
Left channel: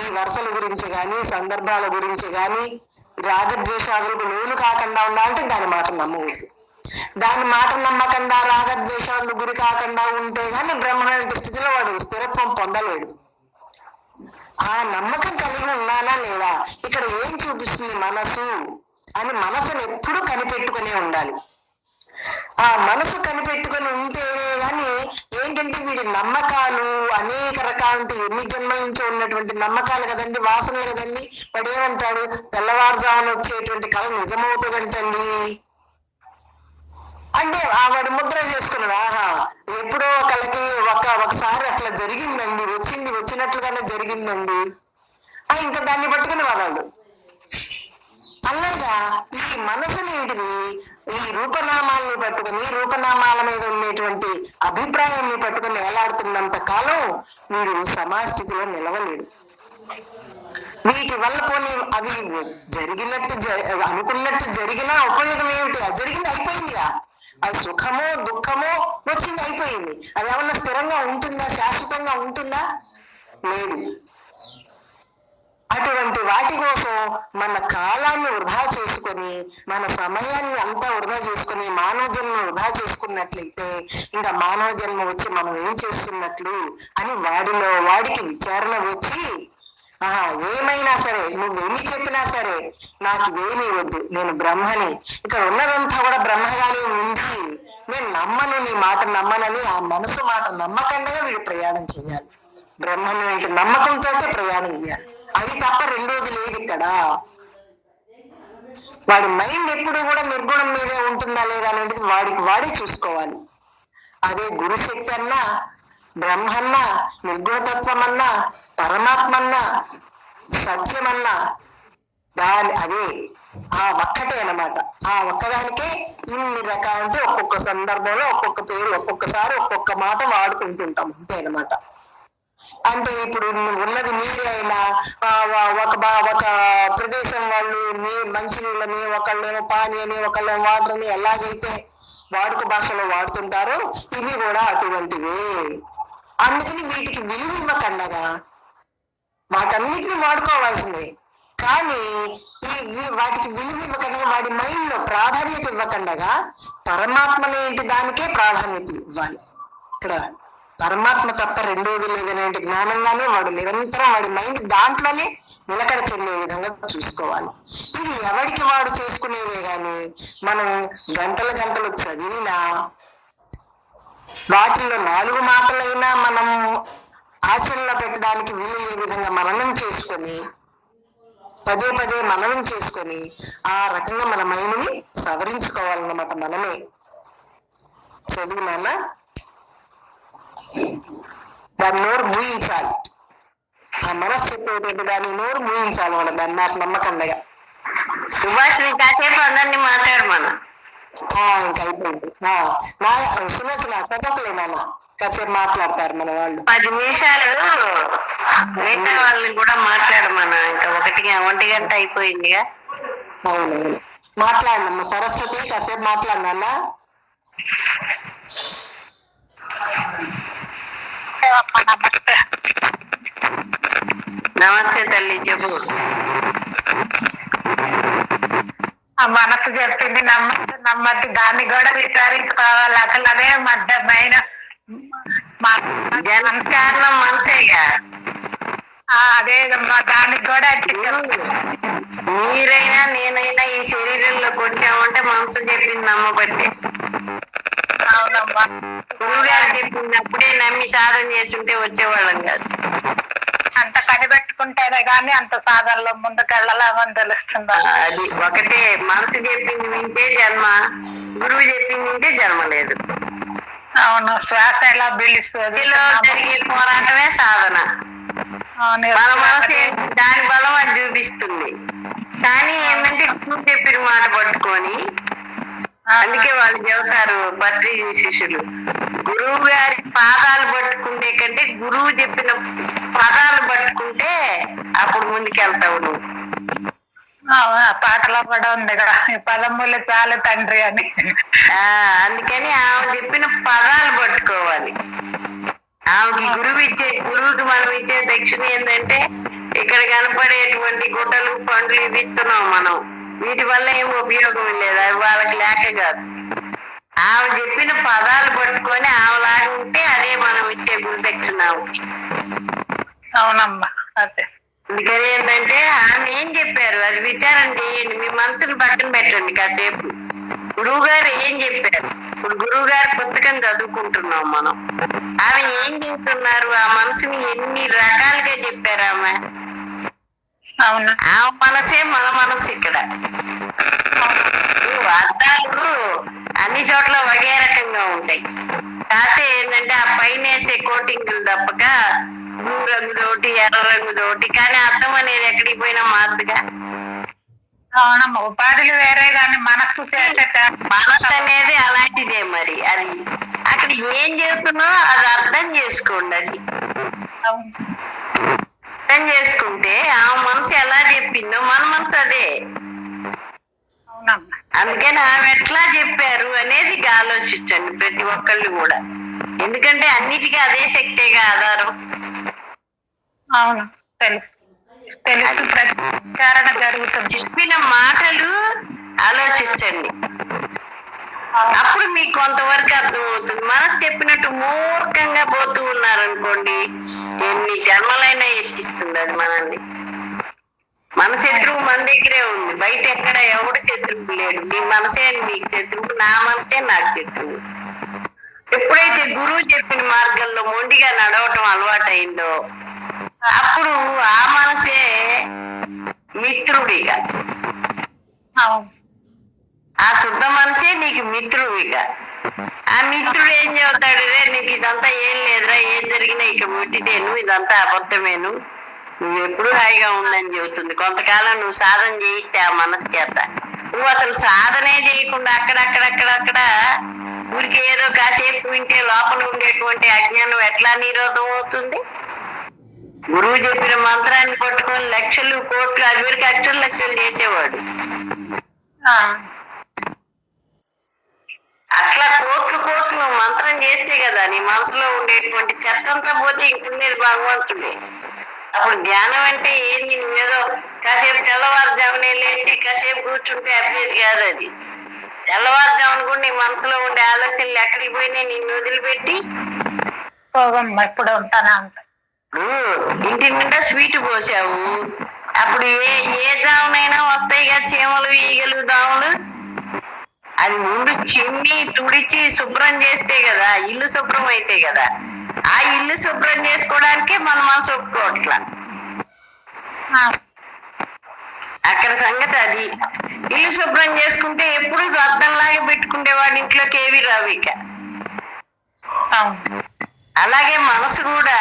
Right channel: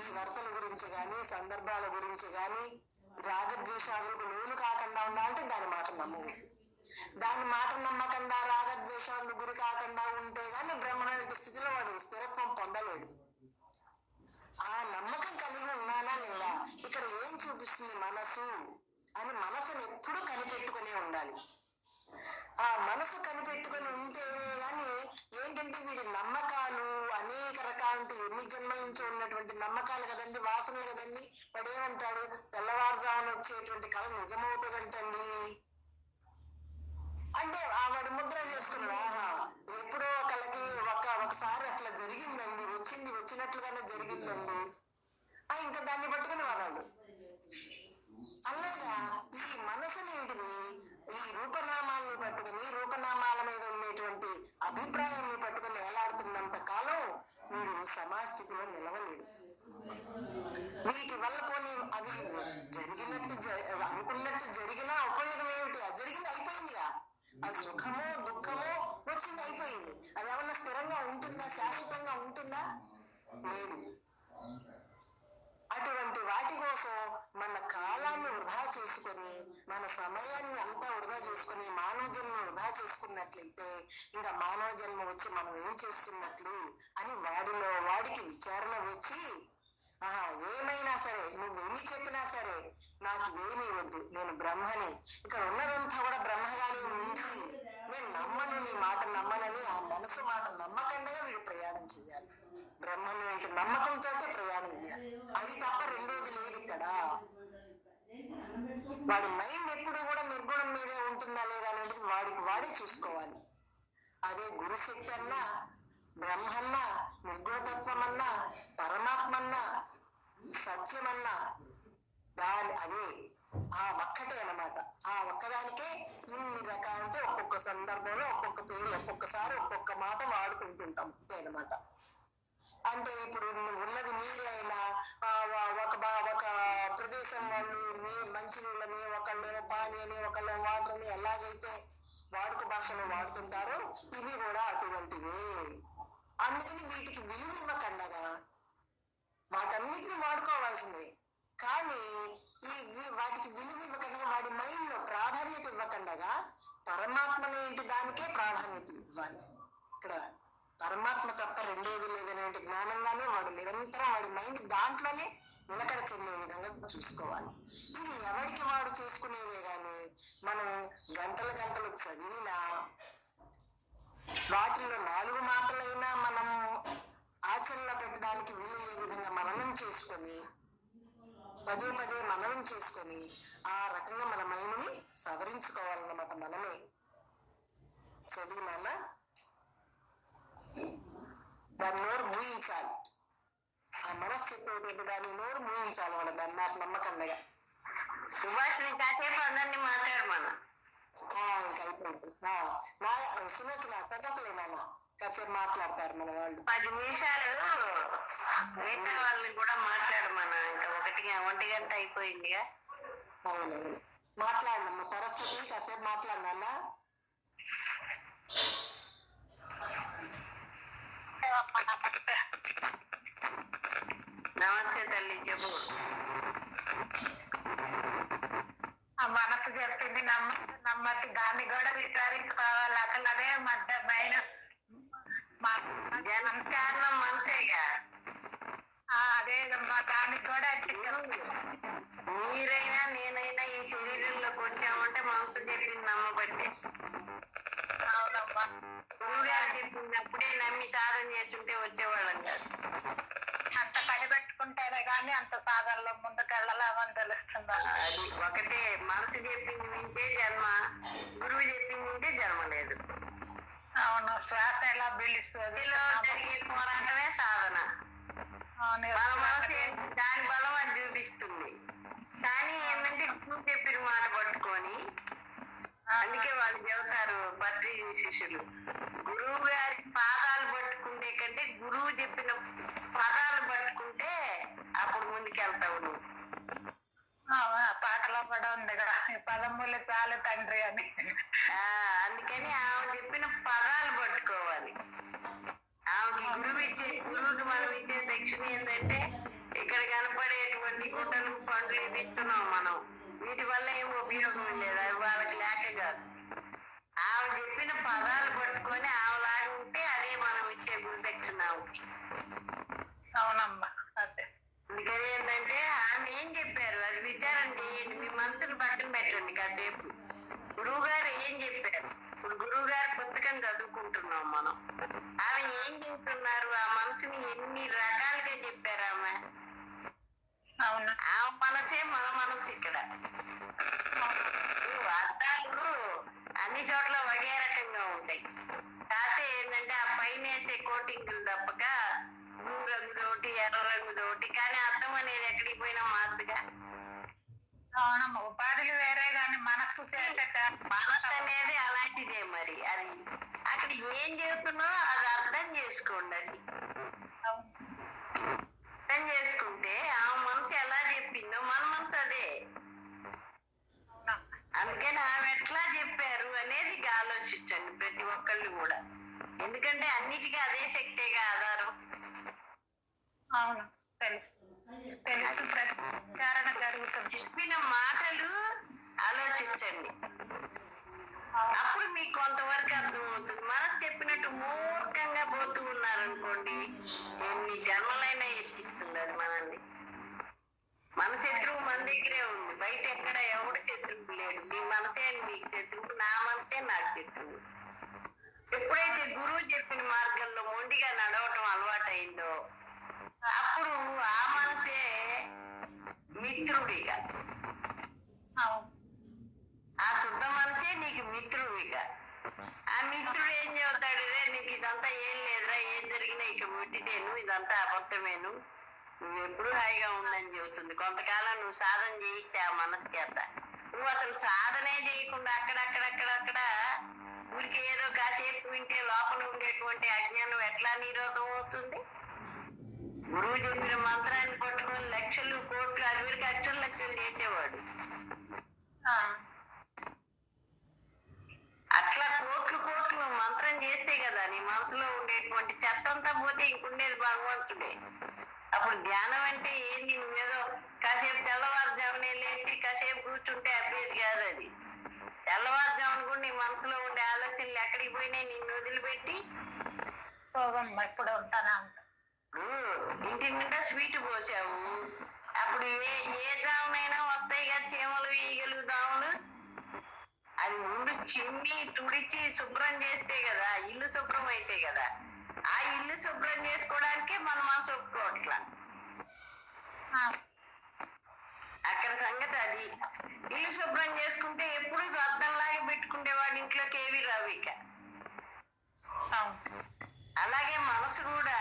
ఈ వరుసల గురించి గాని సందర్భాల గురించి గాని రాగద్వేషాదులకు లోను కాకుండా ఉండాలంటే దాని మాట నమ్మవద్దు. దాని మాట నమ్మకుండా రాగద్వేషాలకు గురి కాకుండా ఉంటే గాని బ్రహ్మణ స్థితిలో వాడు స్థిరత్వం పొందలేడు. ఆ నమ్మకం కలిగి ఉన్నానా లేదా, ఇక్కడ ఏం చూపిస్తుంది మనసు అని మనసును ఎప్పుడూ కనిపెట్టుకునే ఉండాలి. ఆ మనసు కనిపెట్టుకుని ఉంటే గాని ఏంటంటే వీడి నమ్మకాలు అనేక రకాల ఎన్ని జన్మల నుంచి ఉన్నటువంటి నమ్మకాలు కదండి, వాసనలు కదండి. వాడు ఏమంటాడు, తెల్లవారుజామున వచ్చేటువంటి కళ నిజమవుతుందంటండి అంటే వాడు ముద్ర చేసుకున్నాడు. ఆహా ఎప్పుడో కళకి ఒకసారి అట్లా జరిగిందండి, వచ్చినట్లుగానే జరిగిందండి ఇంకా దాన్ని పట్టుకుని వాడాడు. అలాగా ఈ మనసునేటిది ఈ రూపనామాలని పట్టుకుని రూపనామాల మీద ఉండేటువంటి అభిప్రాయాన్ని పట్టుకుని వేలాడుతున్నంత కాలం వీడు సమాజస్థితిలో నిలవలేడు. వీటి వల్ల పోనీ అవి జరిగినట్టు అనుకున్నట్టు జరిగినా ఉపయోగం ఏమిటి? అది జరిగింది అయిపోయిందిగా, అది సుఖమో దుఃఖమో వచ్చింది అయిపోయింది. అది ఏమన్నా స్థిరంగా ఉంటుందా, శాశ్వతంగా ఉంటుందా? లేదు. అటువంటి వాటి కోసం మన కాలాన్ని వృధా చేసుకొని మన సమయాన్ని అంతా వృధా చేసుకుని మానవ జన్మ వృధా చేసుకున్నట్లయితే ఇంకా మానవ జన్మ వచ్చి మనం ఏం చేస్తున్నట్లు అని వాడికి విచారణ వచ్చి ఏమైనా సరే నువ్వేమి చెప్పినా సరే నాకు ఇదేమీ వద్దు, నేను బ్రహ్మని, ఇక్కడ ఉన్నదంతా కూడా బ్రహ్మగానే ఉంది, నేను నమ్మను, నీ మాట నమ్మనని ఆ మనసు మాట నమ్మకంగా వీడు ప్రయాణం చేయాలి. బ్రహ్మను ఏంటి నమ్మకంతో ప్రయాణం చేయాలి. అది తప్ప రెండోది లేదు ఇక్కడ. వాడి మైండ్ ఎప్పుడు కూడా నిర్గుణం మీదే ఉంటుందా లేదా అనేది వాడే చూసుకోవాలి. అదే గురుశక్తి అన్నా బ్రహ్మన్నా నిర్గుణతత్వం అన్నా పరమాత్మన్నా సత్యమన్నా అదే ఆ ఒక్కటే అన్నమాట. ఆ ఒక్కదానికే ఇన్ని రకాలంటే ఒక్కొక్క సందర్భంలో ఒక్కొక్క పేరు ఒక్కొక్కసారి ఒక్కొక్క మాట వాడుకుంటుంటాం అంతే అన్నమాట. అంటే ఇప్పుడు ఉన్నది నీరే అయినా ఒక ప్రదేశం వాళ్ళు మంచి నీళ్ళని, ఒకళ్ళేమో పానీ అని, ఒకళ్ళేమో వాటర్ అని ఎలాగైతే వాడుక భాషలో వాడుతుంటారో ఇవి కూడా అటువంటివే. అందుకని వీటికి విలువ ఇవ్వకండగా వాటన్నిటిని వాడుకోవాల్సిందే. కానీ వాటికి విలువ ఇవ్వకుండా వాడి మైండ్ లో ప్రాధాన్యత ఇవ్వకుండగా పరమాత్మనేంటి దానికే ప్రాధాన్యత ఇవ్వాలి. ఇక్కడ పరమాత్మ తప్ప రెండోది లేదనే జ్ఞానంగానే వాడు నిరంతరం వాడి మైండ్ దాంట్లోనే నిలకడ చెందే విధంగా చూసుకోవాలి. ఇది ఎవరికి వాడు చేసుకునేదే గాని మనం గంటలు చదివినా వాటిల్లో 4 మాటలైనా మనం ఆచరణలో పెట్టడానికి వీలు ఏ విధంగా మననం చేసుకొని పదే మననం చేసుకొని ఆ రకంగా మన మైండ్ని సవరించుకోవాలన్నమాట. మనమే చదివినా దాని నోరు మూయించాలి. ఆ మనస్సు చెప్పేటువంటి దాని నోరు మూయించాలి మన దాన్ని నాకు నమ్మకండగా. సుభాష్ కాసేపు అందరినీ మాట్లాడు మనం ఇంకా అయిపోయింది. సులోచన చదవకలే నాన్న కాసేపు మాట్లాడతారు మన వాళ్ళు. 10 నిమిషాలు మిగతా వాళ్ళని కూడా మాట్లాడు మన ఇంకా 1 గంట అయిపోయిందిగా. అవునవును మాట్లాడినమ్మ సరస్వతి కాసేపు మాట్లాడినా. అమ్మ నమస్తే. నమస్తే తల్లి, చెప్పు. ఆ మనసు చెప్పింది నమ్మద్దు, దాన్ని కూడా విచారించుకోవాలి. అసలు అదే మధ్యమైన జన్మ కారణం మనసేగా. అదే దానికి కూడా మీరైనా నేనైనా ఈ శరీరంలోకి వచ్చామంటే మనసు చెప్పింది నమ్మబట్టే. అవునమ్మా. గురువు గారు చెప్పినప్పుడే నమ్మి సాధన చేస్తుంటే వచ్చేవాళ్ళం కాదు. అంత కనిపెట్టుకుంటేనే గాని అంత సాధనలో ముందుకెళ్ళలేమని తెలుస్తుంది. అది ఒకటే, మనసు చెప్పింది వింటే జన్మ, గురువు చెప్పింది వింటే జన్మ లేదు. అవును, శ్వాస ఎలా పీలుస్తుంది జరిగే పోరాటమే సాధన. మన మనసు దాని బలం అది చూపిస్తుంది. కానీ ఏంటంటే గురువు చెప్పిన మాట పట్టుకొని, అందుకే వాళ్ళు చెబుతారు భద్రీ శిష్యులు, గురువు గారి పాదాలు పట్టుకుంటే కంటే గురువు చెప్పిన పదాలు పట్టుకుంటే అప్పుడు ముందుకెళ్తావు నువ్వు. పాటలో కూడా ఉంది కదా, ఈ పదములు చాలు తండ్రి అని. అందుకని ఆమె చెప్పిన పదాలు పట్టుకోవాలి. ఆమెకి గురువుకి మనం ఇచ్చే దక్షిణ ఏంటంటే, ఇక్కడ కనపడేటువంటి గుడ్డలు పండ్లు ఇస్తున్నాం మనం, వీటి వల్ల ఏం ఉపయోగం లేదు, అవి వాళ్ళకి లేక కాదు. ఆమె చెప్పిన పదాలు పట్టుకొని ఆమెలాగా ఉంటే అదే మనం ఇచ్చే గురు దక్షిణ. అవునమ్మా, అదే. అందుకని ఏంటంటే ఆమె ఏం చెప్పారు అది విచారం చేయండి, మీ మనసును పక్కన పెట్టండి కాసేపు. గురువు గారు ఏం చెప్పారు, ఇప్పుడు గురువు గారి పుస్తకం చదువుకుంటున్నాం మనం, ఆమె ఏం చెప్తున్నారు, ఆ మనసుని ఎన్ని రకాలుగా చెప్పారు ఆమె. అవును, ఆమె మనసే మన మనసు. ఇక్కడ అర్థాలు అన్ని చోట్ల ఒకే రకంగా ఉంటాయి. కాకపోతే ఏంటంటే ఆ పైన వేసే కోటింగులు తప్పక బ్లూ రంగుదోటి ఎర్ర రంగుదోటి, కానీ అర్థం అనేది ఎక్కడికి పోయినా మారుతుగా. అవునమ్మా, ఉపాధులు వేరే కానీ మనసు మనసు అనేది అలాంటిదే. మరి అది అక్కడ ఏం చేస్తున్నా అది అర్థం చేసుకోండి. అది అర్థం చేసుకుంటే ఆ మనసు ఎలా చెప్పిందో మన మనసు అదే. అందుకని ఆమె ఎట్లా చెప్పారు అనేది ఆలోచించండి ప్రతి ఒక్కళ్ళు కూడా. ఎందుకంటే అన్నిటికీ అదే శక్తిగా ఆధారం. అవును, తెలుసు తెలుసు, ప్రచారణ జరుగుతుంది. చెప్పిన మాటలు ఆలోచించండి, అప్పుడు మీకు కొంతవరకు అర్థమవుతుంది. మనసు చెప్పినట్టు మూర్ఖంగా పోతూ ఉన్నారనుకోండి, ఎన్ని జన్మలైనా ఎత్తిస్తుంది అది మనల్ని. మన శత్రువు మన దగ్గరే ఉంది, బయట ఎక్కడ ఎవడు శత్రువు లేడు. మీ మనసే మీకు శత్రువు, నా మనసే నాకు శత్రువు. ఎప్పుడైతే గురువు చెప్పిన మార్గంలో మొండిగా నడవటం అలవాటైందో అప్పుడు ఆ మనసే మిత్రుడిగా, ఆ శుద్ధ మనసే నీకు మిత్రుడిగా. ఆ మిత్రుడు ఏం చెబుతాడు, రే నీకు ఇదంతా ఏం లేదురా, ఏం జరిగినా ఇక ముట్టితేను, ఇదంతా అబద్ధమేను, నువ్వు ఎప్పుడు హాయిగా ఉండని చెబుతుంది. కొంతకాలం నువ్వు సాధన చేయిస్తే ఆ మనసు చేత, నువ్వు అసలు సాధనే చేయకుండా అక్కడక్కడ ఊరికి ఏదో కాసేపు వింటే లోపల ఉండేటువంటి అజ్ఞానం ఎట్లా నిరోధం అవుతుంది? గురువు చెప్పిన మంత్రాన్ని పట్టుకొని లక్షలు కోట్లు అవిరికి లక్షలు చేసేవాడు. అట్లా కోట్లు మంత్రం చేస్తే కదా నీ మనసులో ఉండేటువంటి చెత్తంతా పోతే ఇంకునేది భగవంతుడే. అప్పుడు జ్ఞానం అంటే ఏంది, నువ్వేదో కాసేపు తెల్లవారుజామునే లేచి కాసేపు కూర్చుంటే అభ్యర్థి కాదు అది. తెల్లవారుజామున కూడా నీ మనసులో ఉండే ఆలోచనలు ఎక్కడికి పోయినాయి, నిన్ను వదిలిపెట్టి ఎప్పుడు ఉంటానా అంట. ఇంటి నిండా స్వీట్ పోసావు, అప్పుడు ఏ జామునైనా వస్తాయి కదా చీమలు, ఈగలు, దాములు. అది ముందు చిమ్మి తుడిచి శుభ్రం చేస్తే కదా ఇల్లు శుభ్రం అయితే కదా. ఆ ఇల్లు శుభ్రం చేసుకోవడానికే మన మనసు ఒప్పుకోవట్లా. అక్కడ సంగతి అది. ఇల్లు శుభ్రం చేసుకుంటే ఎప్పుడు అర్థంలాగా పెట్టుకుంటే వాడి ఇంట్లోకి ఏవి రావు ఇక. అలాగే మనసు కూడా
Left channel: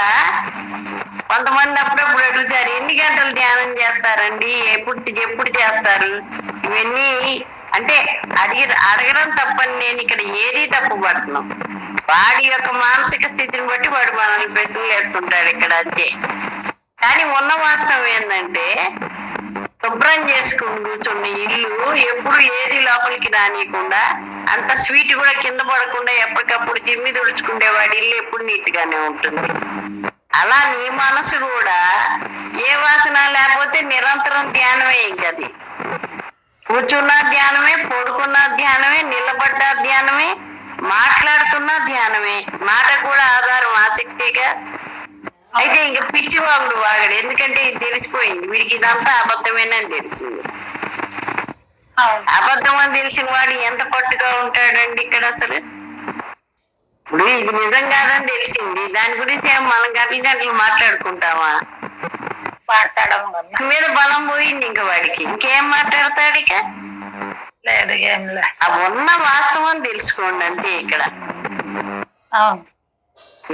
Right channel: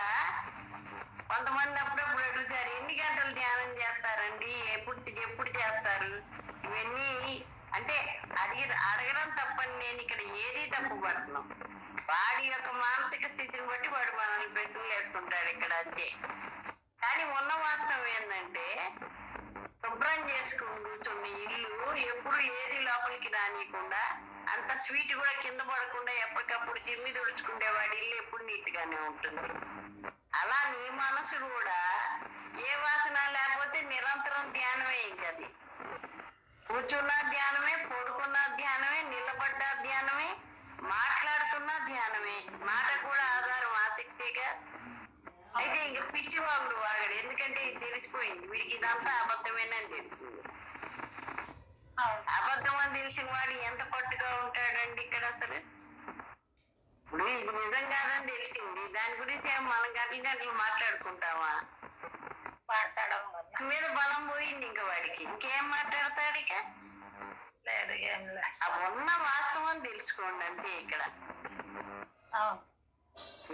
కొంతమంది అప్పుడప్పుడు అడుగుతారు, ఎన్ని గంటలు ధ్యానం చేస్తారండి, ఎప్పుడు చేస్తారు ఇవన్నీ అంటే అడగడం తప్పని నేను ఇక్కడ ఏది తప్పు పడుతున్నాం. వాడి యొక్క మానసిక స్థితిని బట్టి వాడు మనల్ని ప్రశ్నలు వేస్తుంటాడు ఇక్కడ, అంతే. కానీ ఉన్న వాస్తవం ఏంటంటే శుభ్రం చేసుకుని కూర్చున్న ఇల్లు ఎప్పుడు ఏది లోపలికి రానియకుండా అంత స్వీట్ కూడా కింద పడకుండా ఎప్పటికప్పుడు జిమ్మి తుడుచుకుంటే వాడి ఇల్లు ఎప్పుడు నీట్ గానే ఉంటుంది. అలా నీ మనసు కూడా ఏ వాసన లేకపోతే నిరంతరం ధ్యానమే. ఇంకది కూర్చున్న ధ్యానమే, పడుకున్న ధ్యానమే, నిలబడ్డ ధ్యానమే, మాట్లాడుతున్న ధ్యానమే. మాట కూడా ఆధారం ఆసక్తిగా. అయితే ఇంక పిచ్చివాగుడు వాగడు, ఎందుకంటే ఇది తెలిసిపోయింది వీడికి, ఇదంతా అబద్ధమేనని తెలిసింది. అబద్ధం అని తెలిసిన వాడు ఎంత పట్టుగా ఉంటాడండి ఇక్కడ అసలు. ఇప్పుడు ఇది నిజం కాదని తెలిసింది, దాని గురించి మనం గంటలు గంటలు మాట్లాడుకుంటామా? మీద బలం పోయింది ఇంక వాడికి, ఇంకేం మాట్లాడతాడు ఇక? లేదు, ఏం లేదు. ఆ ఉన్న వాస్తవం తెలుసుకోండి అంతే. ఇక్కడ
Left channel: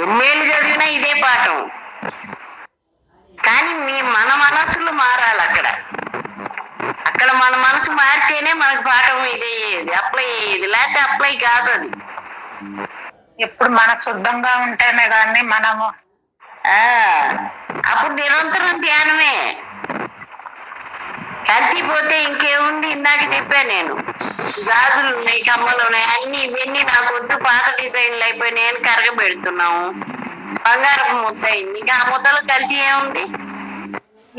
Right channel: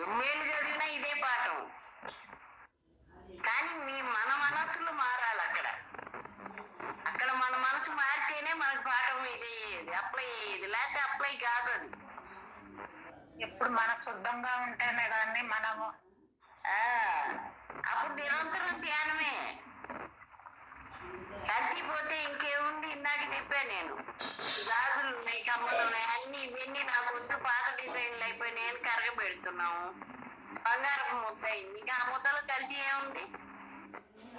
ఎన్నేళ్ళు చదివినా ఇదే పాఠం. కానీ మన మనసులు మారాలి అక్కడ. అక్కడ మన మనసు మారితేనే మనకు పాఠం ఇదే అప్లై అయ్యేది, లేకపోతే అప్లై కాదు అది. ఎప్పుడు మనకు శుద్ధంగా ఉంటేనే కానీ మనము అప్పుడు నిరంతరం ధ్యానమే. కల్తీపోతే ఇంకేముంది? ఇందాక చెప్పా నేను, గాజులు ఉన్నాయి, కమ్మలు ఉన్నాయి, అన్ని ఇవన్నీ నాకు వద్దు, పాత డిజైన్లు అయిపోయినాయని కరగబెడుతున్నాము. బంగారపు ముద్ద అయింది, ఇంకా ఆ ముద్దలో కల్తీ ఏముంది?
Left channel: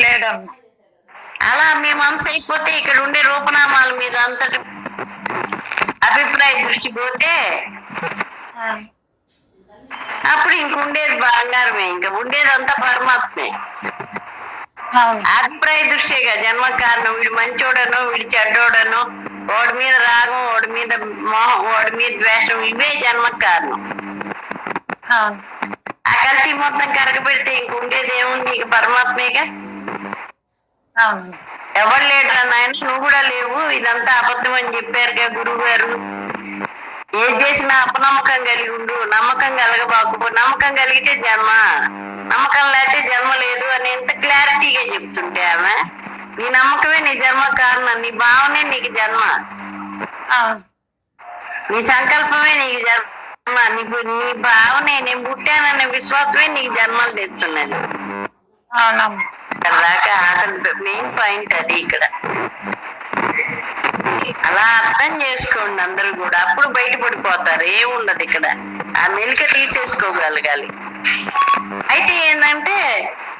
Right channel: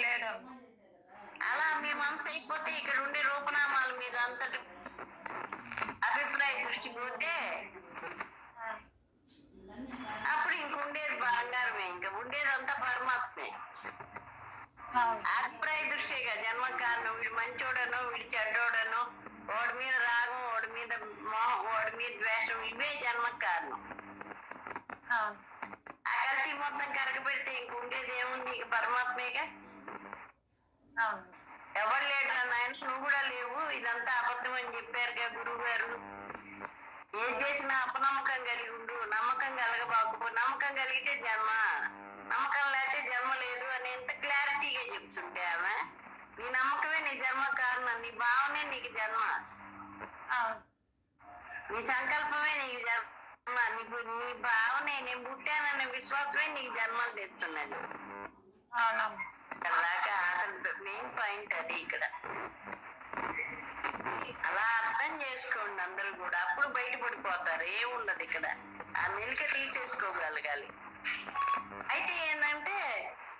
లేదమ్మా. అలా మీ మనసు అయిపోతే ఇక్కడ ఉండే రూపనామాల మీద అంతటి అభిప్రాయ దృష్టి పోతే అప్పుడు ఇంకుండేది బంగారమే, ఇంకా ఉండేదంతా పరమాత్మే. అభిప్రాయ దృష్టిగా జన్మ కారణం. వీడు మంచోడనో వీడి చెడ్డోడనో, వాడి మీద రాగం, వాడి మీద మోహం, వాడి మీద ద్వేషం, ఇవే జన్మ కారణం. ఆ కల్తీ మొత్తం కరగబెడితే ఇంకుండేది ఏముంది? ఇక పరమాత్మేగా. ఎవరు లేడురా నాయన, నువ్వు కూడా లేవు, ఇదంతా అబద్ధం అని చెప్పారుగా గురువు గారు. ఏది చేసినా అపనమ్మకం కలిగి ఉండు, నమ్మకం కలగబాకు. నమ్మకం కలిగితే జన్మ, నమ్మకం లేకపోతే జన్మ లేదు అని ఎంత క్లారిటీగా చెప్తుంటే ఆమె, నీ నమ్మకమే నీ జన్మ కారణం, నీ భావనే నీకు జన్మ, నీ సంకల్పమే నీకు జన్మ, నీ భావనే నేను పుట్టాననే విశ్వాసమే నీకు జన్మలు తెస్తున్నది. దాకా అసలు మెయిన్ పాయింట్ అది ఇక్కడ. అలా అర్థం చేసుకోండి అందరూ కూడా, అప్పుడు బయటపడిపోతారు. ఏముండదు ఇక్కడ, ఆ మెలిక తీసేసుకోగలగాలి. అయితే ఏంటంటే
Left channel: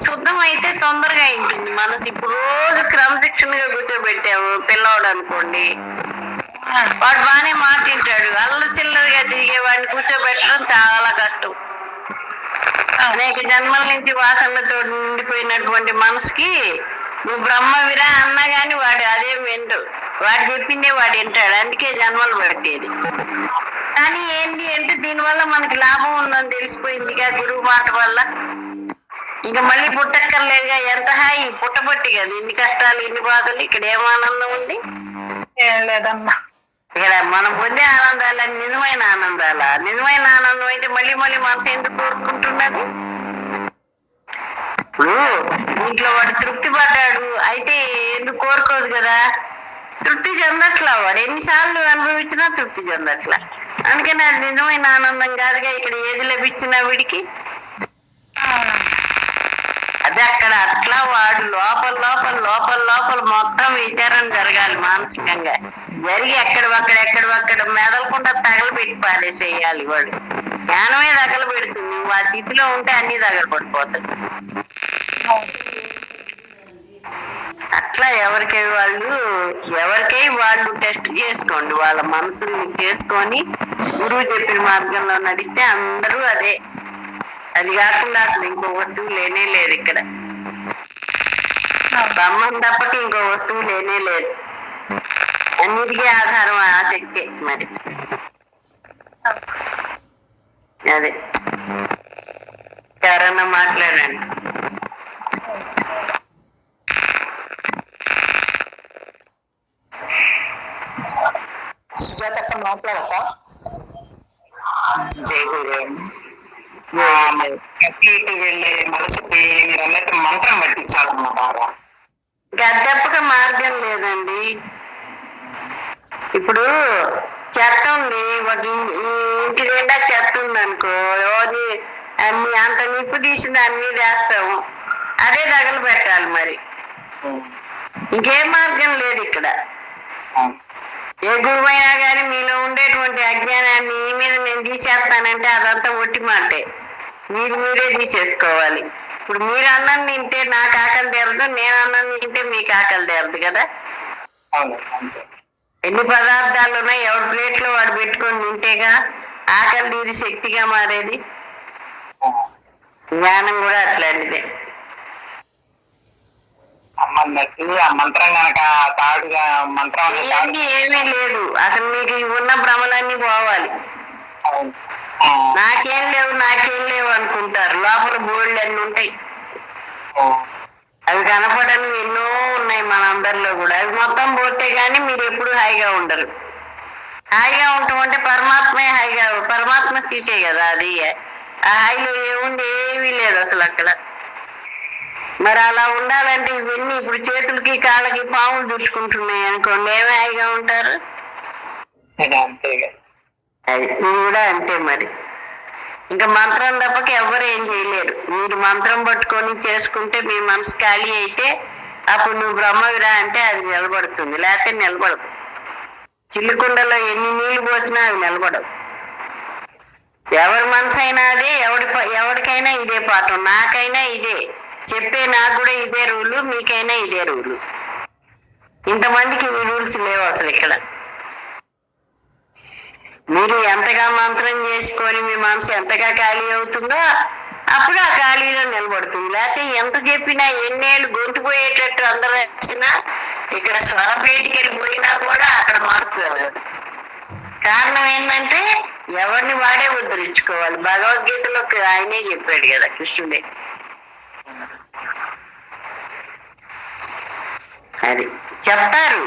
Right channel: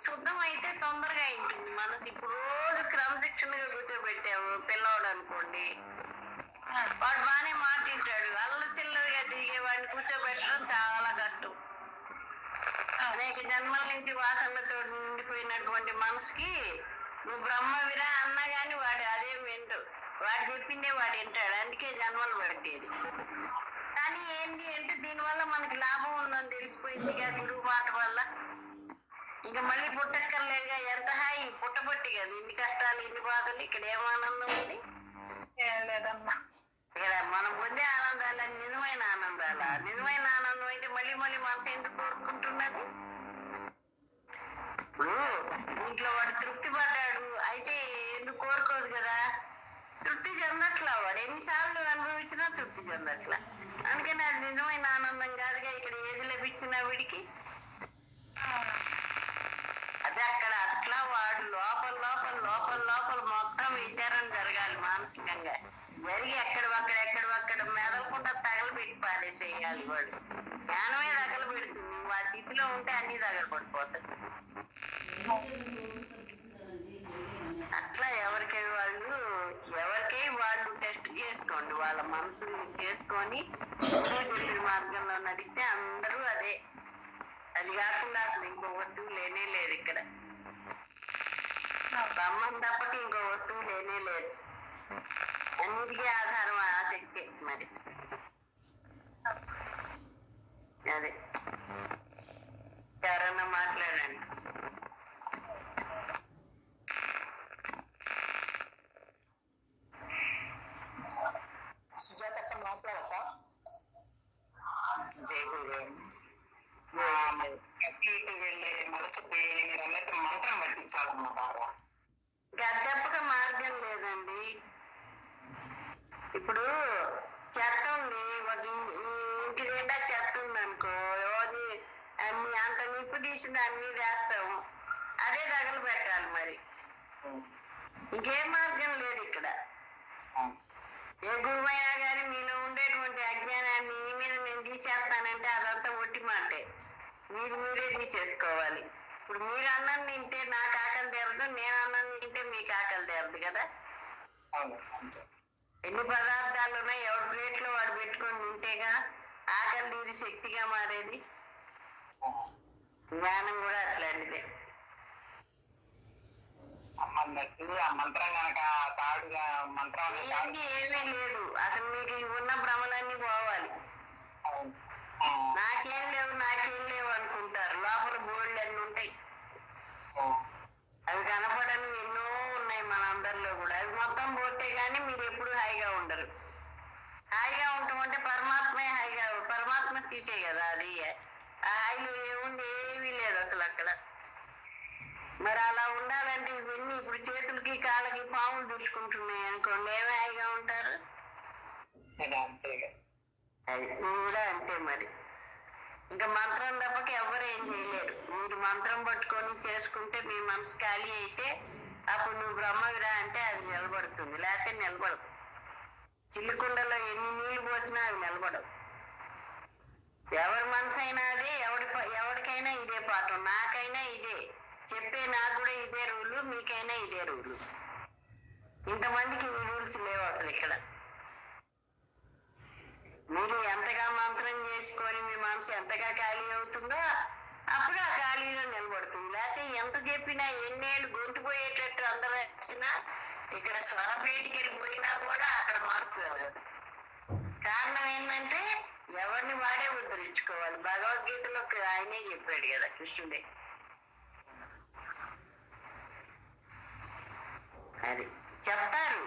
శుద్ధం అయితే తొందరగా ఉంటుంది మనసు. ఇప్పుడు రోజు క్రమశిక్షణగా కూర్చోబెట్టాము పిల్లవాడు అనుకోండి, వాడు బాగానే మాట్లాడాడు, అల్లరి చిల్లరగా తిరిగే వాడిని కూర్చోబెట్టడం చాలా కష్టం. అనేక జన్మల నుంచి వాసనలతో నిండిపోయినటువంటి మనసుకి నువ్వు బ్రహ్మవిరా అన్నా గాని వాడు అదే విండు, వాడు చెప్పిందే వాడు వింటాడు. అందుకే జన్మలు పట్టేది. కానీ ఏంటి అంటే దీనివల్ల మనకి లాభం ఉందని తెలిసిపోయిందిగా గురువు మాట వల్ల. ఇంకా మళ్ళీ పుట్టక్కర్లేదుగా. ఎంత హాయి పుట్టబట్టి కదా ఇన్ని కష్టాలు, ఇన్ని బాధలు. ఇక్కడ ఏం ఆనందం ఉంది? ఏం లేదమ్మా. ఇక్కడ మనం పొందే ఆనందాల నిజమైన ఆనందాల. నిజమైన ఆనందం అయితే మళ్ళీ మళ్ళీ మనసు ఎందుకు కోరుకుంటున్నది? ఇప్పుడు ఇంట్లో వాడు తృప్తి పడ్డాడు అయితే ఎందుకు కోరుకోదు కదా, తృప్తి చెందట్లా. వాడు ఎన్నిసార్లు అనుభవించినా తృప్తి చెందట్లా. అందుకని అది నిజమైన ఆనందం కాదుగా. ఇక్కడ ఏది లభించినా వీడికి అదే. అక్కడ అట్లా వాడు లోపల లోపల లోపల లోపల మొత్తం విచారణ జరగాలి మానసికంగా. జరిగి ఎక్కడక్కడ మెదలకుండా తగలబెట్టి పారేసేయాలి. వాడు జ్ఞానమే తగలబెడుతుంది. ఆ స్థితిలో ఉంటే అన్ని తగలబడిపోతాయి. అట్లా ఎవరికై వాళ్ళు టెస్ట్ చేసుకోండి, వాళ్ళ మనసుని చేసుకొని గురువు చెప్పిన మార్గంలో నడిస్తే అందరూ అదే. అది కాకుండా అసలు ఇంకో వస్తువు లేనే లేదు ఇక్కడ. బ్రహ్మం తప్పకి ఇంకో వస్తువు లేనే లేదు. అన్నిటికీ ఆధారం ఆ శక్తి. మరి అదే ఎవరన్నా మాట్లాడండి. సుజాత మాట్లాడతా. వెళ్ళే మనసుకి మీరు అన్నట్టు మంత్రం పట్టించాలన్నమాట. గద్దెప్పక మార్గం లేదండి. ఇప్పుడు చెత్త ఉంది, ఇంటి నిండా చెత్త ఉంది అనుకో, అన్ని అంత నిప్పు తీసి దాని మీద వేస్తాము, అదే తగలు పెట్టాలి. మరి ఇంకేం మార్గం లేదు ఇక్కడ. ఏ గురువైనా కానీ మీలో ఉండేటువంటి అజ్ఞానాన్ని ఈ మీద నేను తీసేస్తానంటే అదంతా ఒట్టి మాటే. మీరే తీసేసుకోవాలి. ఇప్పుడు మీరు అన్నం తింటే నాకు ఆకలి తీరదు, నేను అన్నం తింటే మీకు ఆకలి తీరదు కదా. ఎన్ని పదార్థాలు ఉన్నాయి, ఎవరి ప్లేట్లో వాడు పెట్టుకొని తింటేగా ఆకలి తీరి శక్తిగా మారేది. జ్ఞానం కూడా అట్లాంటిదే. మంత్రం కనుక తాడుగా మంత్రం ఏమీ లేదు, అసలు మీకు ఉన్న భ్రమలన్నీ పోవాలి. నాకేం లేవు అనుకుంటారు, లోపల బోల్డ్ అన్ని ఉంటాయి. అవి కనపడని ఎన్నో ఉన్నాయి మనందరిలో కూడా. అవి మొత్తం పోతే గానీ మీరు ఎప్పుడు హాయిగా ఉండరు. హాయిగా ఉండటం అంటే పరమాత్మే హాయిగా, పరమాత్మ స్థితే కదా అది. ఆ హాయిలో ఏముంది, ఏమీ లేదు అసలు అక్కడ. మరి అలా ఉండాలంటే ఇవన్నీ ఇప్పుడు చేతులకి కాళ్ళకి పాములు దుర్చుకుంటున్నాయి అనుకోండి, ఏమి హాయిగా ఉంటారు. అది మీరు కూడా అంతే మరి. ఇంకా మంత్రం తప్పక ఎవరు ఏం చేయలేరు. మీరు మంత్రం పట్టుకొని చేసుకుంటే మీ మనసు ఖాళీ అయితే అప్పుడు నువ్వు బ్రహ్మవిరా అంటే అది నిలబడుతుంది, లేకపోతే నిలబడదు. చిల్లుకుండలో ఎన్ని నీళ్లు పోసినా అవి నిలబడవు. ఎవరి మనసు అయినా అదే, ఎవరికైనా ఇదే పాఠం. నాకైనా ఇదే చెప్పే, నాకు కూడా ఇదే రూలు, మీకైనా ఇదే రూలు. ఇంతమందికి ఈ రూల్స్ లేవు అసలు ఇక్కడ. మీరు ఎంతగా మంత్రం చేసుకొని మీ మనసు ఎంతగా ఖాళీ అవుతుందో అప్పుడు ఆ ఖాళీలో నిలబడుతుంది. లేకపోతే ఎంత చెప్పినా ఎన్నేళ్ళు గొంతు పోయేటట్టు అందరూ వచ్చినా ఇక్కడ స్వరపేటికి వెళ్ళిపోయినా కూడా అక్కడ మార్పు రాదు. కారణం ఏంటంటే ఎవరిని వాడే ఉద్ధరించుకోవాలి. భగవద్గీతలో ఆయనే చెప్పాడు కదా, కృష్ణుడే. అది చెప్తారు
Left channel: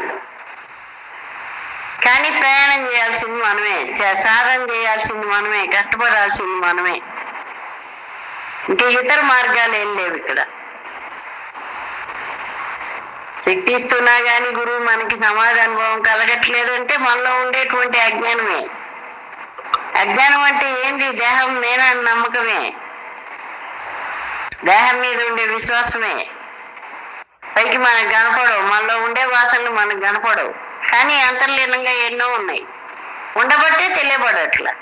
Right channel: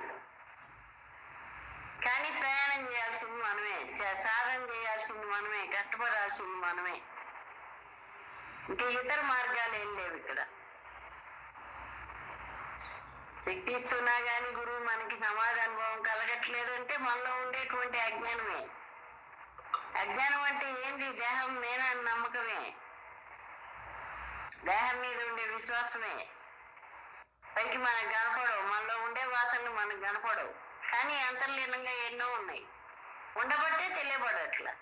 కానీ ప్రయాణం చేయాల్సింది మనమే, సాధన చేయాల్సింది మనమే, కష్టపడాల్సింది మనమే. ఇంకా ఇతర మార్గాలు ఏం లేవు ఇక్కడ. శక్తి ఇస్తున్నా కానీ గురువు మనకి సమాజ అనుభవం కలగట్లేదు అంటే మనలో ఉండేటువంటి అజ్ఞానమే. అజ్ఞానం అంటే ఏంటి? దేహం నేనని నమ్మకమే, దేహం మీద ఉండే విశ్వాసమే. పైకి మనకు కనపడవు, మనలో ఉండే వాసనలు మనకు కనపడవు, కానీ అంతర్లీనంగా ఎన్నో ఉన్నాయి. ఉండబట్టే తెలియబడట్లా.